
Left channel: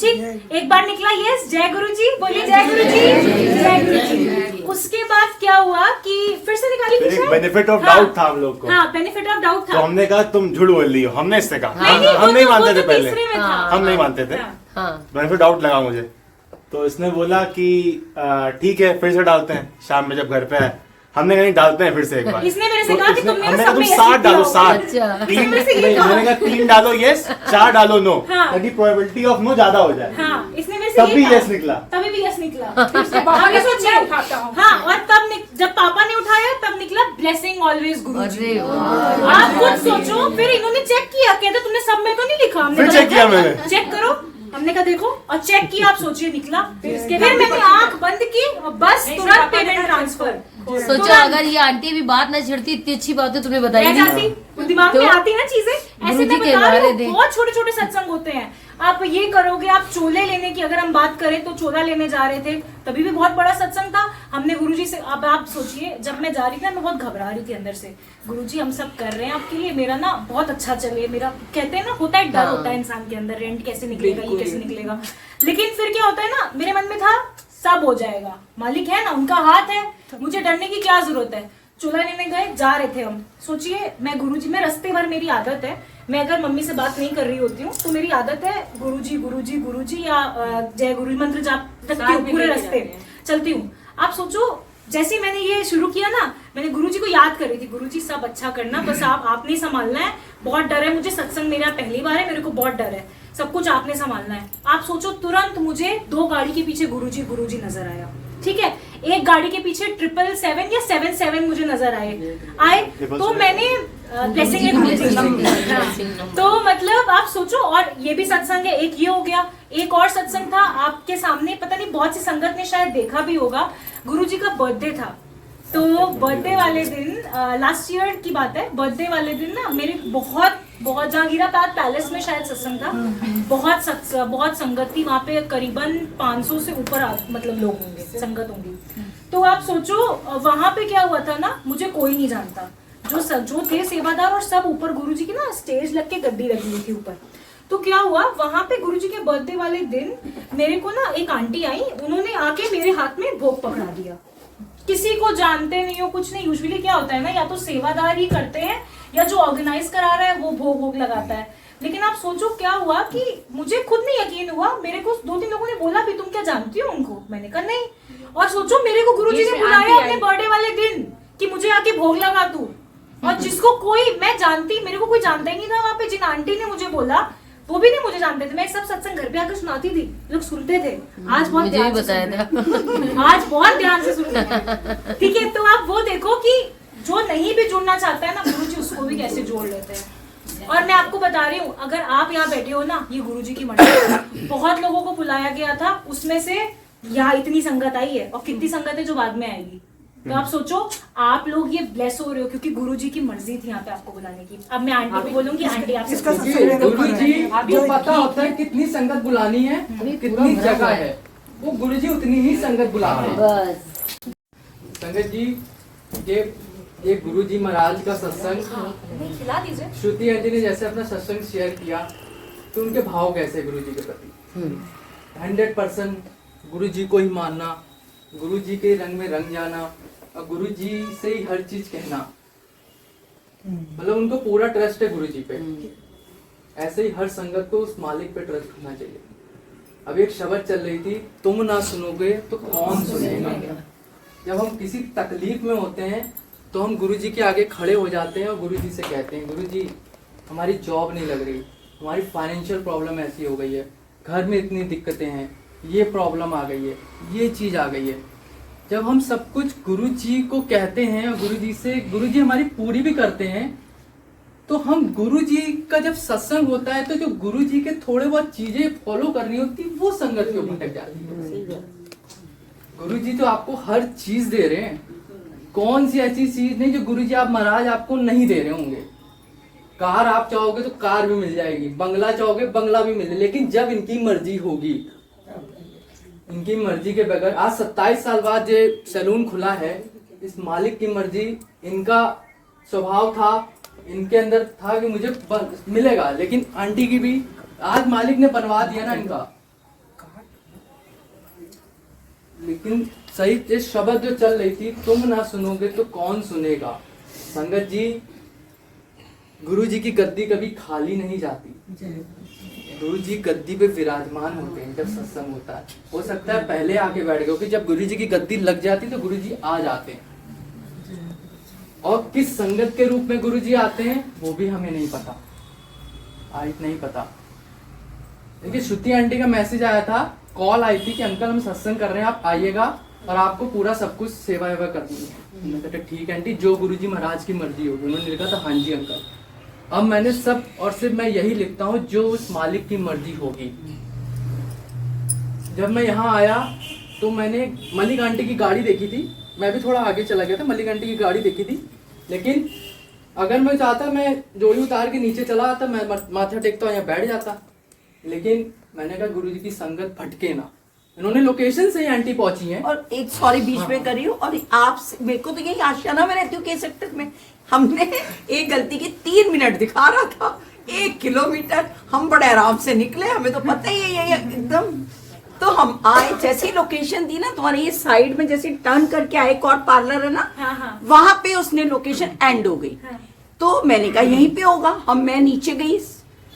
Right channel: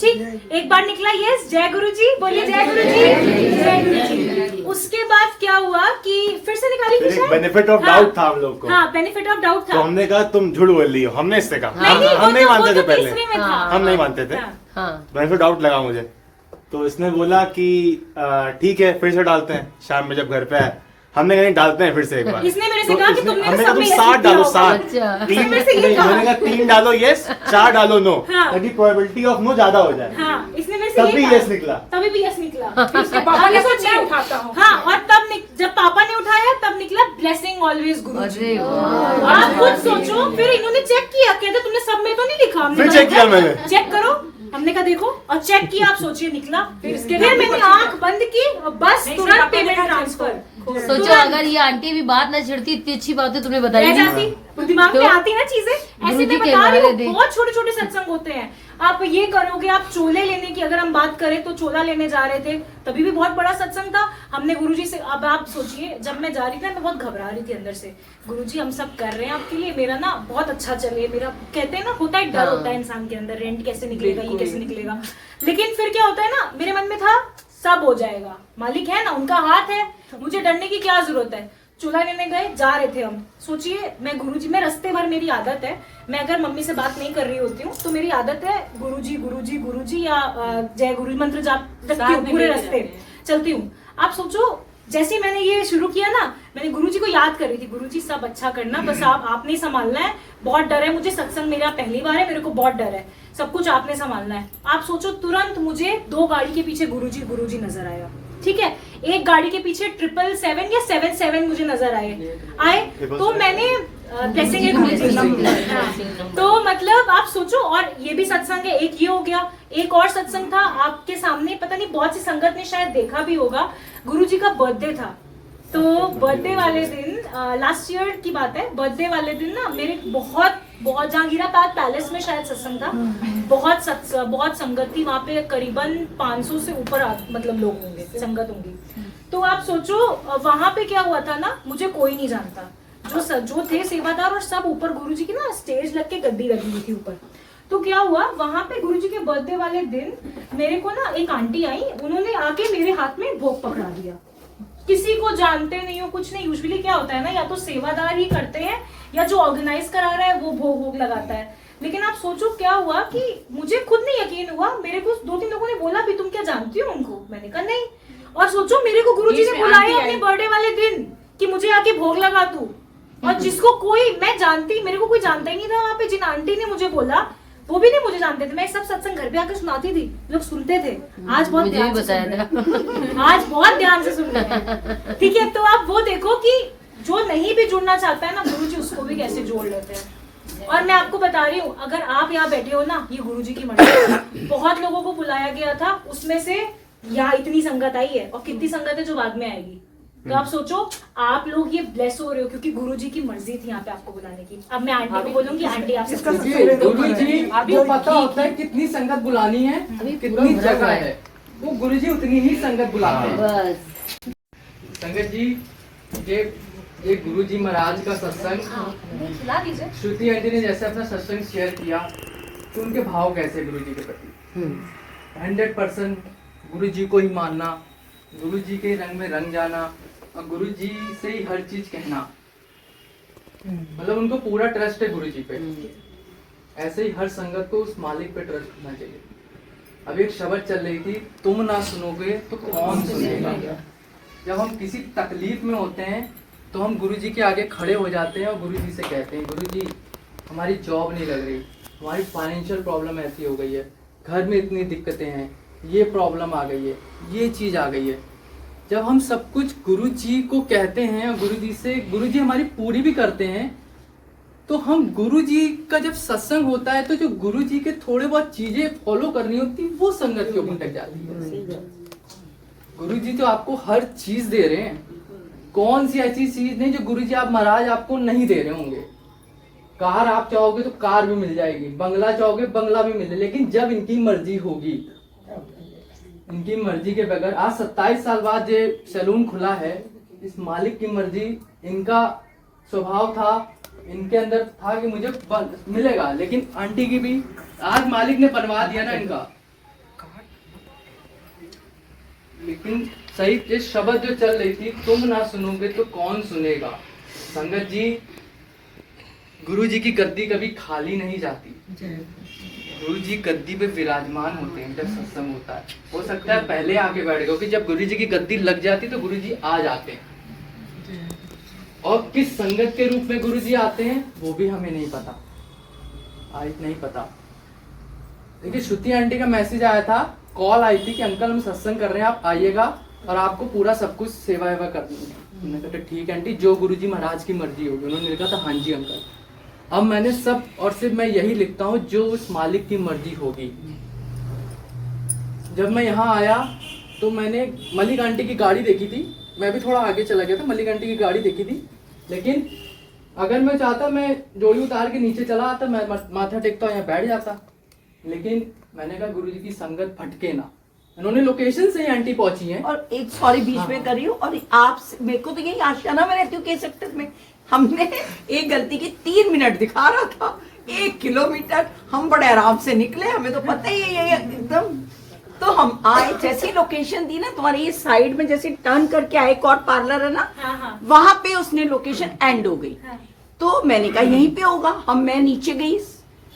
ठीक, एक बार निकला यस, जय गुरुजी, बोलिए जय गुरुजी। उसके बाद क्या हुआ कि फिर से निकाली कुछ, बेनिफिट ऑफ डाउट था हम लोग को। हाँ बेनिफिट ऑफ डाउट था, तो हमने कहा तुम झूठ बोल रही हो, हमने इससे कहा, हम नहीं मानते थे पहले, हम नहीं मानते थे, बेनिफिट डाउट लगा मुझे। तो इसने बोला कि ठीक है फिर से डालते हैं, शाम में जब घर पे आए हमने कहा नहीं डालते हैं फिर से एक बार। इसने मेरे से कहा कि तुम हमने कहा तुम 7 डालो, 7 3 मैंने कहा 3 डालो यस, 4 डालो नो, ताकि प्रोबेबिलिटी ऑफ नो ज्यादा हो जाए। हाँ, इसने मेरे से तभी यस निकला, तभी भी यस निकला। हाँ, और तब जब पापा ने उठाया तब निकला ब्लेसिंग ऑलवेज गुरुजी। आप खुद सोचो, फिर इन्होंने चेक किया, कहते तुमने सब में तो नहीं लिखा, फिर चेक किया मैंने, चेक करो, हमने कहा देखो, और चेक किया, आप सोचिए निकला। फिर मैंने आंख बंद की, बस तुरंत पेमेंट ट्रांसफर। सोचो अगर ये आंटी अभी बात ना छेड़ती, इतनी अच्छी बात है तुमने बताई नहीं, दिमाग में आती ना चीजें ऐसे, मैं बता रही हूँ, बहुत छोटे छोटे सत्संग होते हैं। आप ये करोगे, आप चोले लेने की अगर हम बात करें तो चोला लेने जा रहे थे, तभी भी बहुत बड़ा सत्संग था, हमने गुरुजी से, अब आप सोचिए जब मैं जा रही थी मैं बहुत घबरा रही थी अंदर से, गुरुजी हम सब कर रहे हैं आपके लिए, मेरा ना बहुत अच्छा चले, मेरा कहते हैं ना होता है डर, होता है इंसान के अंदर, रेंट कैसे निकलेगा, ये कैसे निकलेगा। लेकिन फिर क्या होता है ना, मेरे मन में था सब हो जाएगा, मालिक है ना, उनका हाथ है, मुझे डरने की क्या जरूरत है। चूल्हा लेने गए, जा रहे थे हम, सोचिए मैं गुरुजी में रास्ते भर, मेरी आदत है, मैं अगर मम्मी से बात नहीं कर रही होती हूँ तो मेरी आदत है गुरुजी गुरुजी गुरुजी या जय गुरु मंत्र जाप रखती हूँ, पूरे रास्ते चलती हूँ। आप सोचो जैसे मैंने ये शुरू किया ना, मैंने गुरुजी को याद कर रही थी, गुरुजी सब अच्छा करना, बस आपने संभालना है, बहुत डर है मुझे, सत्संग मेरा पहली बार है, मेरे को बहुत डर है, सब कुछ आपने संभालना है। आप सोचो तुरंत मुझे 2 गाड़ी के पीछे गुरुजी गुरुजी नजर आया, ठीक है, एक गाड़ी के पीछे 777 या 77 मुझे नजर आए, तो मैंने तो मतलब आप सोचो, और ये भी सत्संग है, एक ये हो गया, एक और सत्संग था आपके सामने, पता नहीं बहुत सी संगत ने शायद देखा भी होगा, गुरुजी का बर्थडे था। तो बर्थडे वाले दिन, लास्ट ईयर की बात है, बर्थडे वाले दिन ना मेरे बहुत जहांगीरा पैलेस में शायद सत्संग था, बहुत संगत थी वहां पे, करीबन 500 से ऊपर मतलब लोग होंगे, संगत होंगी। तो आप सोचो वहां पे क्या हुआ था ना, मुझे कोई नहीं जानता, जो थे सेवादार और सब ऊपर गुरुजी की ना स्टेज लग के गड्डी लगी हुई थी ऊपर। तो क्या हुआ वहां पे गुरुजी के बर्थडे वाले दिन मेरे को ना एक आंटी आई, उन्होंने आके मेरे हाथ में भोग पकड़ा दिया, किसी को जानते नहीं हो कुछ नहीं। यूजुअली क्या होता है ना, या तो सेवादार ही करते हैं या जो ऑर्गेनाइज करा रहा है वो भोग लगाता है। लेकिन आप सोचो क्या हुआ कि मुझे खुद नहीं यकीन हुआ, मेरे को 2-3 लोगों ने बोला भी तुम क्या जानती हो उनको, मैंने कहा नहीं। और सोचो मेरे को गुरुजी ने बुलाया अपने बर्थडे वाले दिन कि मुझे आके भोग लगा तू, और जिसको कोई मैं जानती, मेरे को कोई जानता ही नहीं था वहां पे। जिन आंटी ने मुझे बोला वो भी नहीं मुझे जानते थे, मैं सब सत्संग घर पे आकर सुनाती थी, लोग सुनते थे। आज बहुत मुझे भी ध्यान से बताया सुनते हैं। आज बहुत ध्यान से सुनते हैं। ठीक है, तो आप वो देखो कि जो नहीं भी जुड़ना चाहता है ना, गुरुजी उसको भी कैसे जोड़ लेते हैं। और मैं आपको बता रही हूँ, अगर आप यहाँ बैठे हो ना, ये गुरुजी की मर्जी। बहुत लोगों को बुलाया गया था, उसमें से यहाँ इतनी संगत आई है, और कितनी संगत है जो बाद में आएगी। तो आप सोचो, आप लोग ये ब्लेस हो रहे हो क्योंकि गुरुजी की मर्जी थी यहाँ पे आपको बुलाने की। अब मैं आंटी को बोलूंगी, आंटी आप गुरुजी को पता होता है कितनी संगत बुलानी है, कितनी जगह है, वो गुरुजी उतनी ही संगत बुलाते हैं। बस संगत जी, ये गुरुजी महाराज का सत्संग, खिला दीजिए। श्रुति आंटी ने जैसे अपना सत्संग शेयर किया, तो उनके भाव कैसे गुरुजी के प्रति 100% गुरुजी को ही मानना, गुरुजी के रंग में रंग जाना, और गुरुजी से ही हर चीज कहना, मतलब उनको पूरा ट्रस्ट है गुरुजी पे। ऐसे ही हर संगत को उस मालिक पे ट्रस्ट होना चाहिए। अब एक शब्द चल रही थी, तुम ना सुनोगे तो कौन सुनेगा। जब हम किसी तकलीफ में होते हैं तो हम गुरुजी के आगे खड़े हो जाते हैं और गुरुजी से कहते हैं, गुरुजी हमारी जॉब नहीं लग रही, हमारी फाइनेंशियल प्रॉब्लम ऐसी हो गई है, घर में इतनी दिक्कतें हैं, ये प्रॉब्लम आ गई है, ये चीज आ गई है। जब हम सब कुछ गुरुजी को कहते हैं, गुरुजी से गुरुजी हमारी पूरी भी करते हैं, तो हम गुरुजी का जब सत्संग होता है तो जो गुरुजी के थोड़े बहुत चीजें फॉलो करनी होती, वो संगत के ऊपर भटक जाती है। गुरुजी तो आपको हर चीज दे रहे हैं, कौन सी ऐसी चीज नहीं जो गुरुजी आप महाराज आपको नहीं दे रहे होंगे। कार आप चाहोगे तो कार भी मिल जाएगी, बंगला चाहोगे बंगला भी मिल जाएगी, लेकिन जब इनकी मर्जी होगी, इनकी मर्जी के बगैर। आज 27 साल बाद जो सैलून खुला है, इस मालिक की मर्जी, इनका स्वभाव था, इनके अंदर था कि मुझे मिलेगा, लेकिन आंटी की भी आज मालिक ने बनवा दिया ना इनका। लेकिन सही ये शब्द जो चल रही थी, तुम ना सुनोगे तो कौन सुनेगा। संगत जी, गुरु जी की गद्दी कभी खाली नहीं जाती। गुरु जी गद्दी पे विराजमान होते हैं जब सत्संग होता है। हो सकता है पहले आके बैठ गए, क्योंकि जब गुरु जी की गद्दी लग जाती तो गुरु जी आ जाते हैं। और किस संगत के रूप में गुरु जी आते हैं वो भी हमें नहीं पता, आज नहीं पता। देखिए, श्रुति आंटी का मैसेज आया था, कॉल आई थी कि अंकल हम सत्संग कर रहे हैं, आप आइएगा और आपको पूरा सब कुछ सेवा वेवा करनी है। मैंने कहा ठीक है आंटी, जो गुरुजी महाराज की मर्जी होगी। उन्होंने लिखा था हाँ जी अंकल। अब मैंने सब और सिर्फ मैं यही लिखता हूँ जो उस मालिक की मर्जी होगी। जब मैं यहाँ आया तो मैंने मलिक आंटी की गाड़ी देखी थी, मैं भी थोड़ा आगे चला गया था, मलिक आंटी की गाड़ी देखी थी। लेकिन अगर मैं चाहता मैं जोड़ी उतार के नीचे चला आता, मैं माथा टेकता यहाँ बैठ जाता। लेकिन मैंने कहा गुरुजी की संगत भटके ना। इन्होंने लोकेशन से ही आंटी पहुंची हैं। और एक सॉरी बीच में करी हूँ, और आप मेरे को तो यही आशियाना में रहती हूँ के सेक्टर में, हमने एक गलती की 3 मिनट दिखा रहा था, 1 किलोमीटर हम बड़े आराम से निकले, हमें तो पता ही है एकदम। तो हम आए, जैसी लोकेशन दी ना तुम्हारे ये साइड में, जैसे टर्न करके आए, एक और पार्लर है ना, वहां पे उसने लोकेशन एंड हो गई। तो मैंने कहा यहीं पे होगा, मैं नीचे गई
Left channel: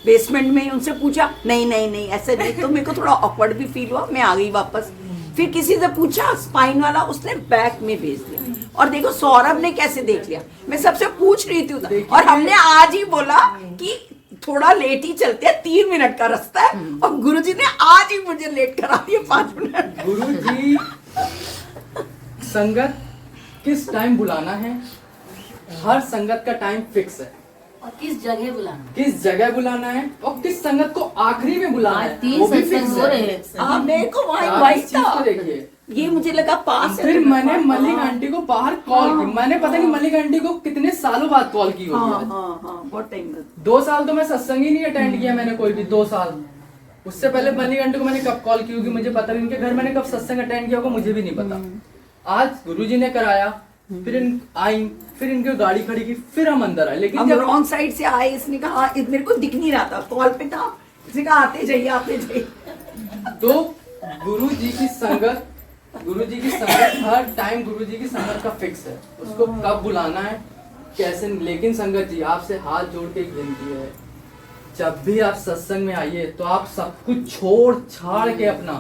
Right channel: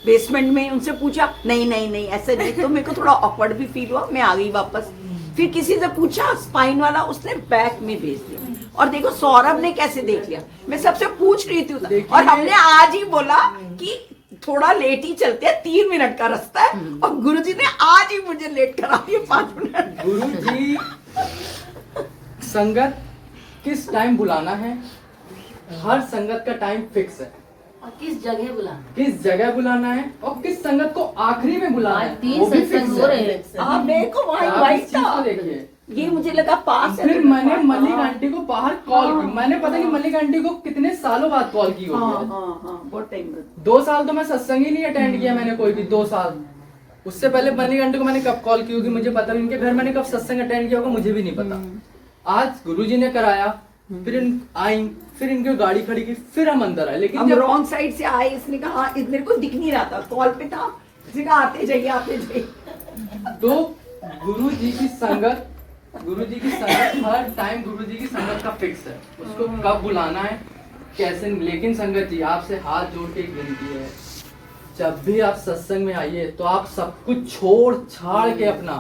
बेसमेंट में, उनसे पूछा नहीं नहीं नहीं ऐसा नहीं। तो मेरे को थोड़ा ऑकवर्ड भी फील हुआ, मैं आ गई वापस। फिर किसी से पूछा स्पाइन वाला, उसने बैक में भेज दिया। और देखो सौरभ ने कैसे देख लिया, मैं सबसे पूछ रही थी, और हमने आज ही बोला कि थोड़ा लेट ही चलते हैं, 3 मिनट का रास्ता है, और गुरुजी ने आज ही मुझे लेट करा दिया 5 मिनट। गुरुजी संगत किस टाइम बुलाना है, हर संगत का टाइम फिक्स है। और किस जगह बुलाना, किस जगह बुलाना है, और किस संगत को आखिरी में बुलाना है। 3 सत्संग हो रहे हैं। मेरे को वहाँ इनवाइट था, देखिए ये मुझे लगा पास है। फिर मैंने मलिक आंटी को बाहर कॉल की, मैंने पता नहीं मलिक आंटी को कितने सालों बाद कॉल की होगी। बहुत टाइम बाद। 2 साल तो मैं सत्संग ही नहीं अटेंड किया मैंने कोई भी, 2 साल। उससे पहले मलिक आंटी को मैंने कब कॉल की होगी मुझे पता नहीं, इनके घर मैंने कब सत्संग अटेंड किया होगा मुझे भी नहीं पता। आज गुरुजी ने कराया, फिर आई, फिर इनकी गाड़ी खड़ी की, फिर हम अंदर आए। लेकिन जब रॉन्ग साइड से आए, इसने कहा मेरे को दिख नहीं रहा था, कॉल पे था, इसने कहा आते जाइए आते जाइए। तो गुरुजी की संगत हर टाइम गुरुजी की संगत का फिक्स है, उसको कब बुलाना है कैसे। लेकिन संगत जी आपसे हाथ जोड़ के एक विनती है, जब भी आप सत्संग में आइए तो आप सब कुछ छोड़ छाड़ के अपना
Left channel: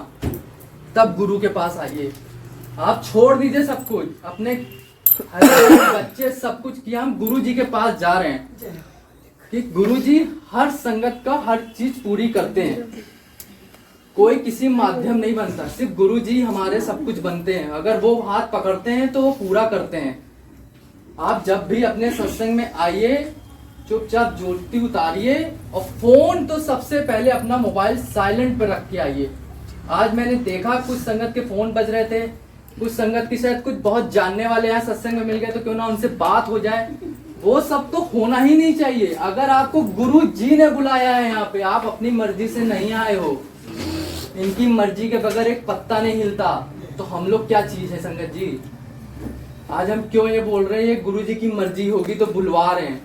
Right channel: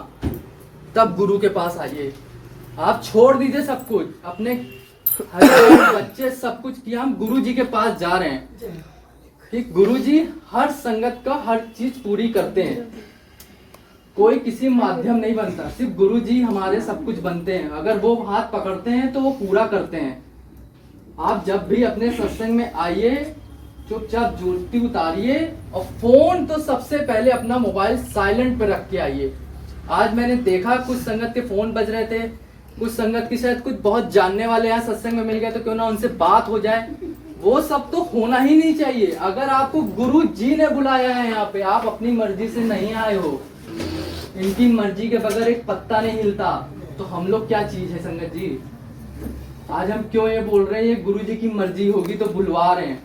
तब गुरु के पास आइए। आप छोड़ दीजिए सब कुछ, अपने बच्चे सब कुछ किया, हम गुरु जी के पास जा रहे हैं। कि गुरुजी हर संगत का हर चीज पूरी करते हैं। कोई किसी माध्यम नहीं बनता, सिर्फ गुरुजी हमारे सब कुछ बनते हैं। अगर वो हाथ पकड़ते हैं तो वो पूरा करते हैं। आप जब भी अपने सत्संग में आइए, चुपचाप ज्योति उतारिए और फोन तो सबसे पहले अपना मोबाइल साइलेंट पे रख के आइए। आज मैंने देखा कुछ संगत के फोन बज रहे थे, कुछ संगत की शायद कुछ बहुत जानने वाले हैं सत्संग में मिल गए तो क्यों ना उनसे बात हो जाए। वो सब तो होना ही नहीं चाहिए। अगर आपको गुरु जी ने बुलाया है यहाँ पे, आप अपनी मर्जी से नहीं आए हो, इनकी मर्जी के बगैर एक पत्ता नहीं हिलता, तो हम लोग क्या चीज है संगत जी। आज हम क्यों ये बोल रहे हैं गुरु जी की मर्जी होगी तो बुलवा रहे हैं।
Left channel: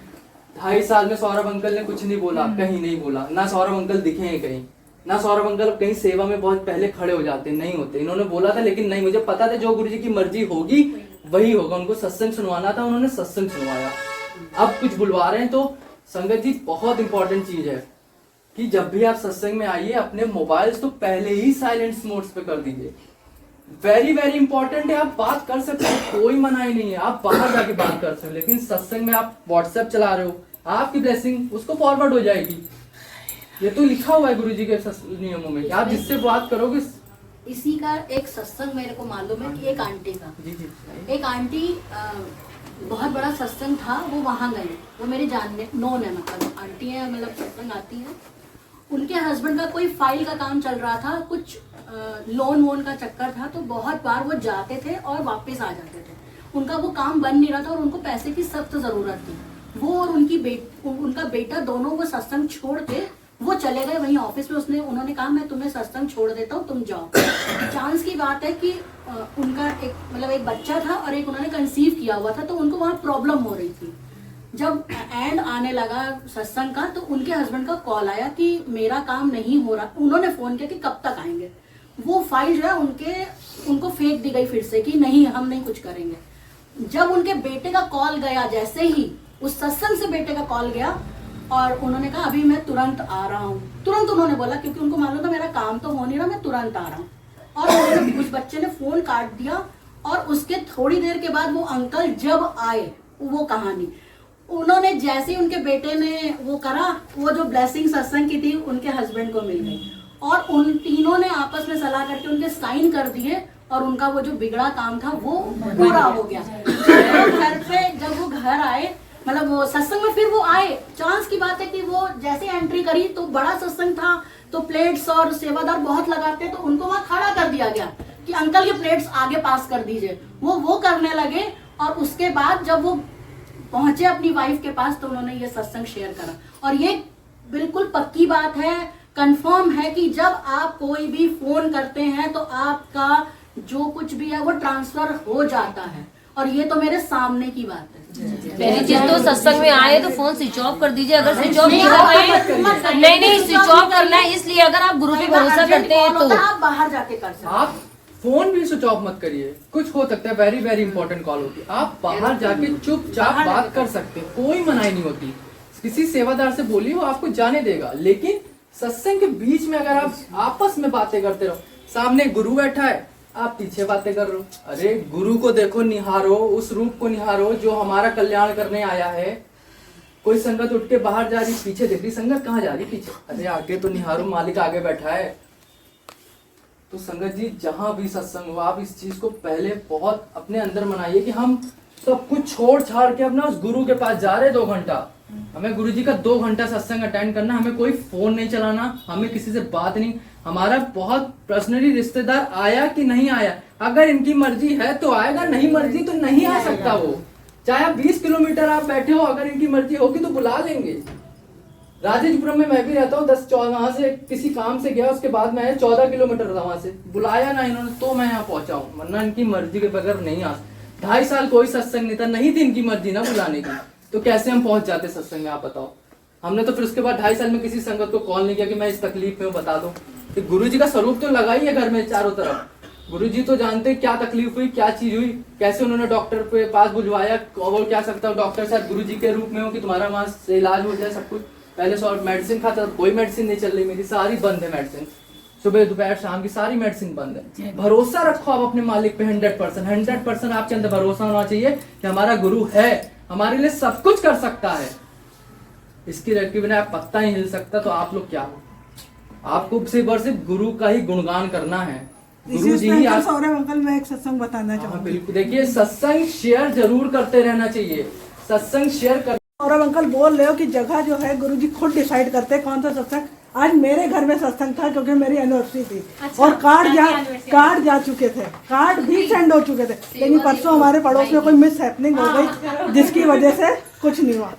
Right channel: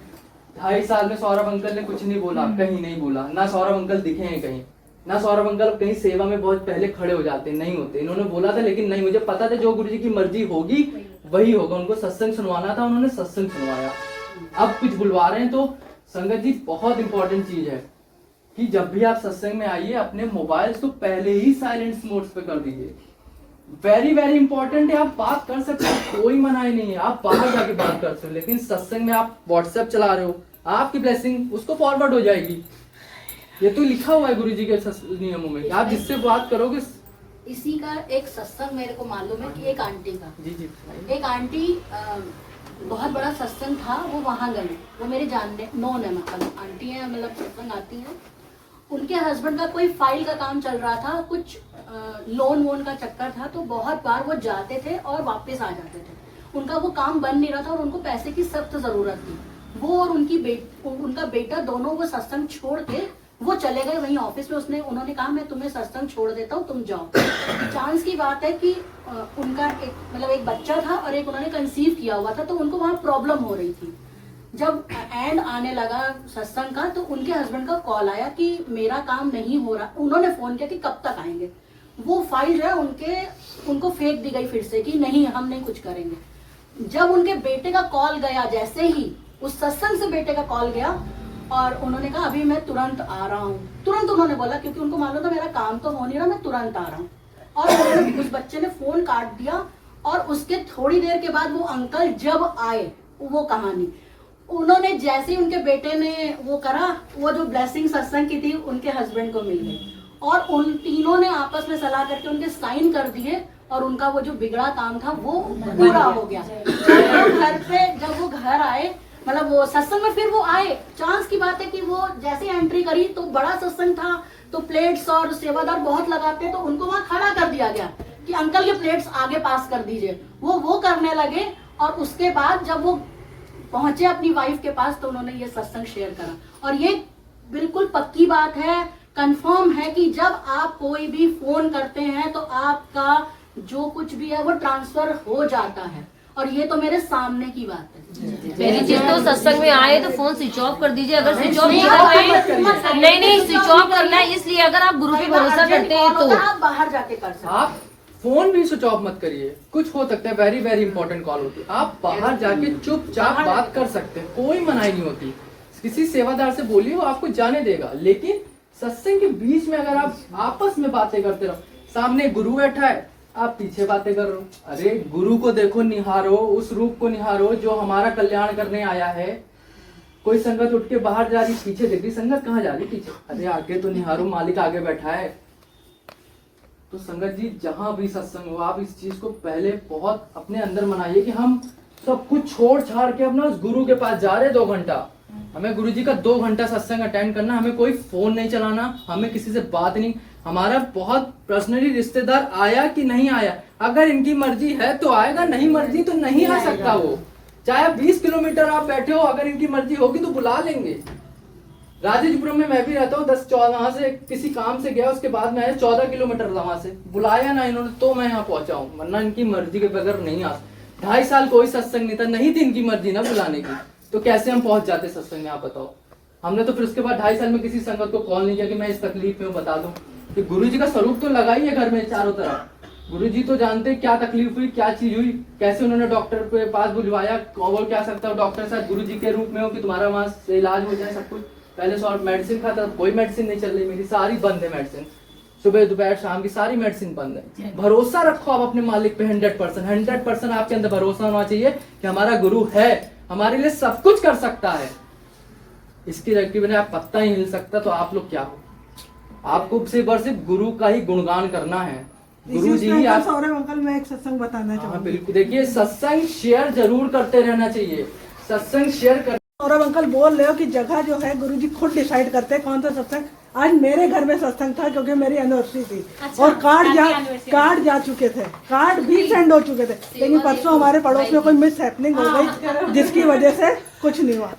2.5 साल में सौरभ अंकल ने कुछ नहीं बोला, कहीं नहीं बोला, ना सौरभ अंकल दिखे हैं कहीं, ना सौरभ अंकल कहीं सेवा में बहुत पहले खड़े हो जाते, नहीं होते। इन्होंने बोला था लेकिन नहीं, मुझे पता था जो गुरु जी की मर्जी होगी वही होगा। उनको सत्संग सुनवाना था, उन्होंने सत्संग सुनवाया। अब कुछ बुलवा रहे हैं तो संगत जी बहुत इंपॉर्टेंट चीज है कि जब भी आप सत्संग में आइए अपने मोबाइल्स तो पहले ही साइलेंट मोड्स पे कर दीजिए। वेरी वेरी इंपॉर्टेंट है। आप बात कर सकते हैं, कोई मनाही नहीं है, आप बाहर जाके बात कर सकते हो, लेकिन सत्संग में आप व्हाट्सएप चला रहे हो, आपकी ब्लेसिंग उसको फॉरवर्ड हो जाएगी। ये तो लिखा हुआ है गुरु जी के नियमों में कि आप जिससे बात करोगे। इसी का एक सत्संग मेरे को मालूम है कि एक आंटी का, जी एक आंटी बहुत बड़ा सत्संग था, वो वहां गई, वो मेरे जानने नोन है, मतलब आंटी है, मतलब सत्संग आती है। उनके हस्बैंड का कोई फाइल का काम चल रहा था, कुछ लोन वोन का चक्कर था, तो बहुत बार वो जाते थे और वापस आ जाते थे। उनका वो काम बन नहीं रहा था और उनको पैसे की सख्त जरूरत थी। वो और उनका बेटा दोनों वो सत्संग छोड़ के वो चले गए वहीं ऑफिस में। उन्होंने कहा मैं तुम्हें सत्संग छोड़ देता हूँ, तुम जाओ। चांस की बात है कि उनका एक बच्चा था और एक उन्होंने कंसीव किया हुआ था, तो उनको वहाँ प्रॉब्लम हो रही थी। जब एंड आने लगा सत्संग का तो उनके हस्बैंड का कॉल आया कि मेरा काम नहीं हो रहा। उन्होंने फोन किया कि कब तक आएंगे। वो फाइल जो है उनको फेंक दी गई फिर से कि नहीं हम नहीं कुछ करेंगे। जब उनके बेटे का कॉल गया, जैसे ही उस सत्संग से बेटे का कॉल गया और उन्होंने कहा अभी मैं तुरंत आ रहा हूँ। तुरंत उन्होंने बोला क्योंकि उनको मालूम था मेरा काम तो हो नहीं रहा, मैं तुरंत आ रहा हूँ। और उस बच्चे ने फोन काट दिया और उसके थोड़ी देर के बाद वो अंकल जब आए, वो कहानी उन्होंने जैसे ही उनके बेटे ने वो करा, वो जो ब्लेसिंग सत्संग की थी उनके हस्बैंड को मिल गई और उन तीनों ने आपस में सलाह करके उनके साइन कर दिए और उनका वो जो बिगड़ा काम था वो पूरा हो गया। जब वो घर आए, मतलब वो सत्संग में फिर वो आए, चांस की बात है कि वो जैसे एंट्री करी तो बड़ा सत्संग था, तो प्लेट्स और सेवादार बहुत लगाते हैं, तो उनको वहां खड़ा कर दिया गया कि अंकल ये प्लेट्स आगे पास कर दीजिए। वो करने लगे और उसके बाद जब वो पहुंचे अपनी वाइफ के पास तो उन्होंने ये सत्संग शेयर करा। और ये बिल्कुल पक्की बात है, कंफर्म है कि जब आप कोई भी फोन करते हैं तो आपका जो कुछ भी है वो ट्रांसफर हो जाता है। और ये तो मेरे सामने की बात है। पहली चीज तो सत्संग में आए तो फोन स्विच ऑफ कर दीजिए। अगर स्विच ऑफ नहीं कर रहे, नहीं स्विच ऑफ करना है, इसलिए अगर आप गुरु पे भरोसा करते हैं तो आप बाहर जाके कर सकते हैं। आप फोन भी स्विच ऑफ मत करिए, कुछ हो सकता है वेरी वेरी इंपॉर्टेंट कॉल होती है, आप बाहर जाके चुपचाप बात कर सकते हैं, कोई मनाही नहीं होती। किसी सेवादार से बोलिए वो आपको जाने देगा, लेकिन सत्संग के बीच में अगर आप आपस में बातें करते रहो, सामने गुरु बैठा है आप पीछे बातें कर रहे हो, अरे गुरु को देखो, निहारो, उस रूप को निहारो जो हमारा कल्याण करने आया है। कोई संगत उठ के बाहर जा रही, पीछे देख रही, संगत कहाँ जा रही, पीछे, अरे आगे तो निहारो, मालिक आगे बैठा है। तो संगत जी जहां भी सत्संग हो, आप इस चीज को पहले बहुत अपने अंदर मनाइए कि हम सब कुछ छोड़ छाड़ के अपना उस गुरु के पास जा रहे 2 घंटा। हमें गुरु जी का 2 घंटा सत्संग अटेंड करना, हमें कोई फोन नहीं चलाना, हमें किसी से बात नहीं। हमारा बहुत पर्सनली रिश्तेदार आया कि नहीं आया, अगर इनकी मर्जी है तो आएगा, नहीं मर्जी तो नहीं आ सकता वो। चाहे आप 20 किलोमीटर आप बैठे हो, अगर इनकी मर्जी होगी तो बुला लेंगे। राजेशपुरम में मैं भी रहता हूँ, 10-14 वहां से किसी काम से गया, उसके बाद मैं 14 किलोमीटर था वहां से, बुलाया ना इन्होंने तो मैं यहाँ पहुंचा हूँ, वरना इनकी मर्जी के बगैर नहीं आ। 2.5 साल कोई सत्संग नहीं था, नहीं थी इनकी मर्जी ना बुलाने की, तो कैसे हम पहुंच जाते सत्संग में, आप बताओ। हमने तो फिर उसके बाद 2.5 साल में किसी संगत को कॉल नहीं किया कि मैं इस तकलीफ में हूँ, बता दो कि गुरु जी का स्वरूप तो लगा ही है घर में चारों तरफ। गुरु जी तो जानते क्या तकलीफ हुई, क्या चीज हुई, कैसे उन्होंने डॉक्टर के पास बुलवाया, और क्या सकता हूँ डॉक्टर साहब गुरु जी के रूप में हो कि तुम्हारा वहां से इलाज हो जाए सब कुछ। पहले से और मेडिसिन खाता, कोई मेडिसिन नहीं चल रही, मेरी सारी बंद है मेडिसिन, सुबह दोपहर शाम की सारी मेडिसिन बंद है। भरोसा रखो आप अपने मालिक पे 100% आपके अंदर भरोसा होना चाहिए कि हमारा गुरु है, हमारे लिए सब कुछ कर सकता है। इसकी रखी बिना आप पत्ता ही हिल सकता, तो आप लोग क्या हो। आपको सिर्फ और सिर्फ गुरु का ही गुणगान करना है। गुरु जी ही आप। सौरभ अंकल, मैं एक सत्संग बताना चाहूँगी। बिल्कुल, देखिए सत्संग शेयर जरूर करते रहना चाहिए, सत्संग शेयर कर। सौरभ अंकल बोल रहे हो कि जगह जो है गुरुजी खुद डिसाइड करते हैं कौन सा सत्संग। आज मेरे घर में सत्संग था क्योंकि मेरी एनिवर्सरी थी। अच्छा, और कार्ड जा चुके थे, कार्ड भी सेंड हो चुके थे, लेकिन परसों हमारे पड़ोस में कोई मिस हैपनिंग हो गई जिसकी वजह से कुछ नहीं हुआ।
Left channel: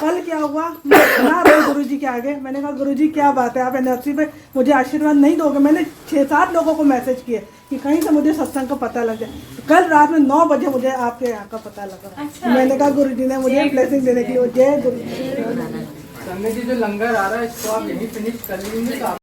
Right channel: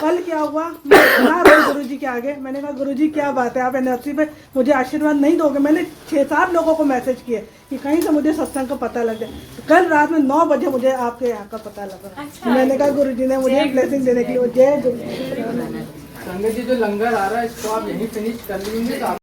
कल क्या हुआ, मैं ना रोई गुरुजी के आगे। मैंने कहा गुरुजी क्या बात है, आप एनिवर्सरी पे मुझे आशीर्वाद नहीं दोगे। मैंने 6-7 लोगों को मैसेज किए कि कहीं से मुझे सत्संग का पता लग जाए। कल रात में 9 बजे मुझे आपके यहाँ का पता लगा। अच्छा। मैंने कहा गुरुजी ने मुझे ब्लेसिंग देने के लिए। जय गुरु। संगत जी, जो लंगर आ रहा है इसको आप यही फिनिश कर लीजिए।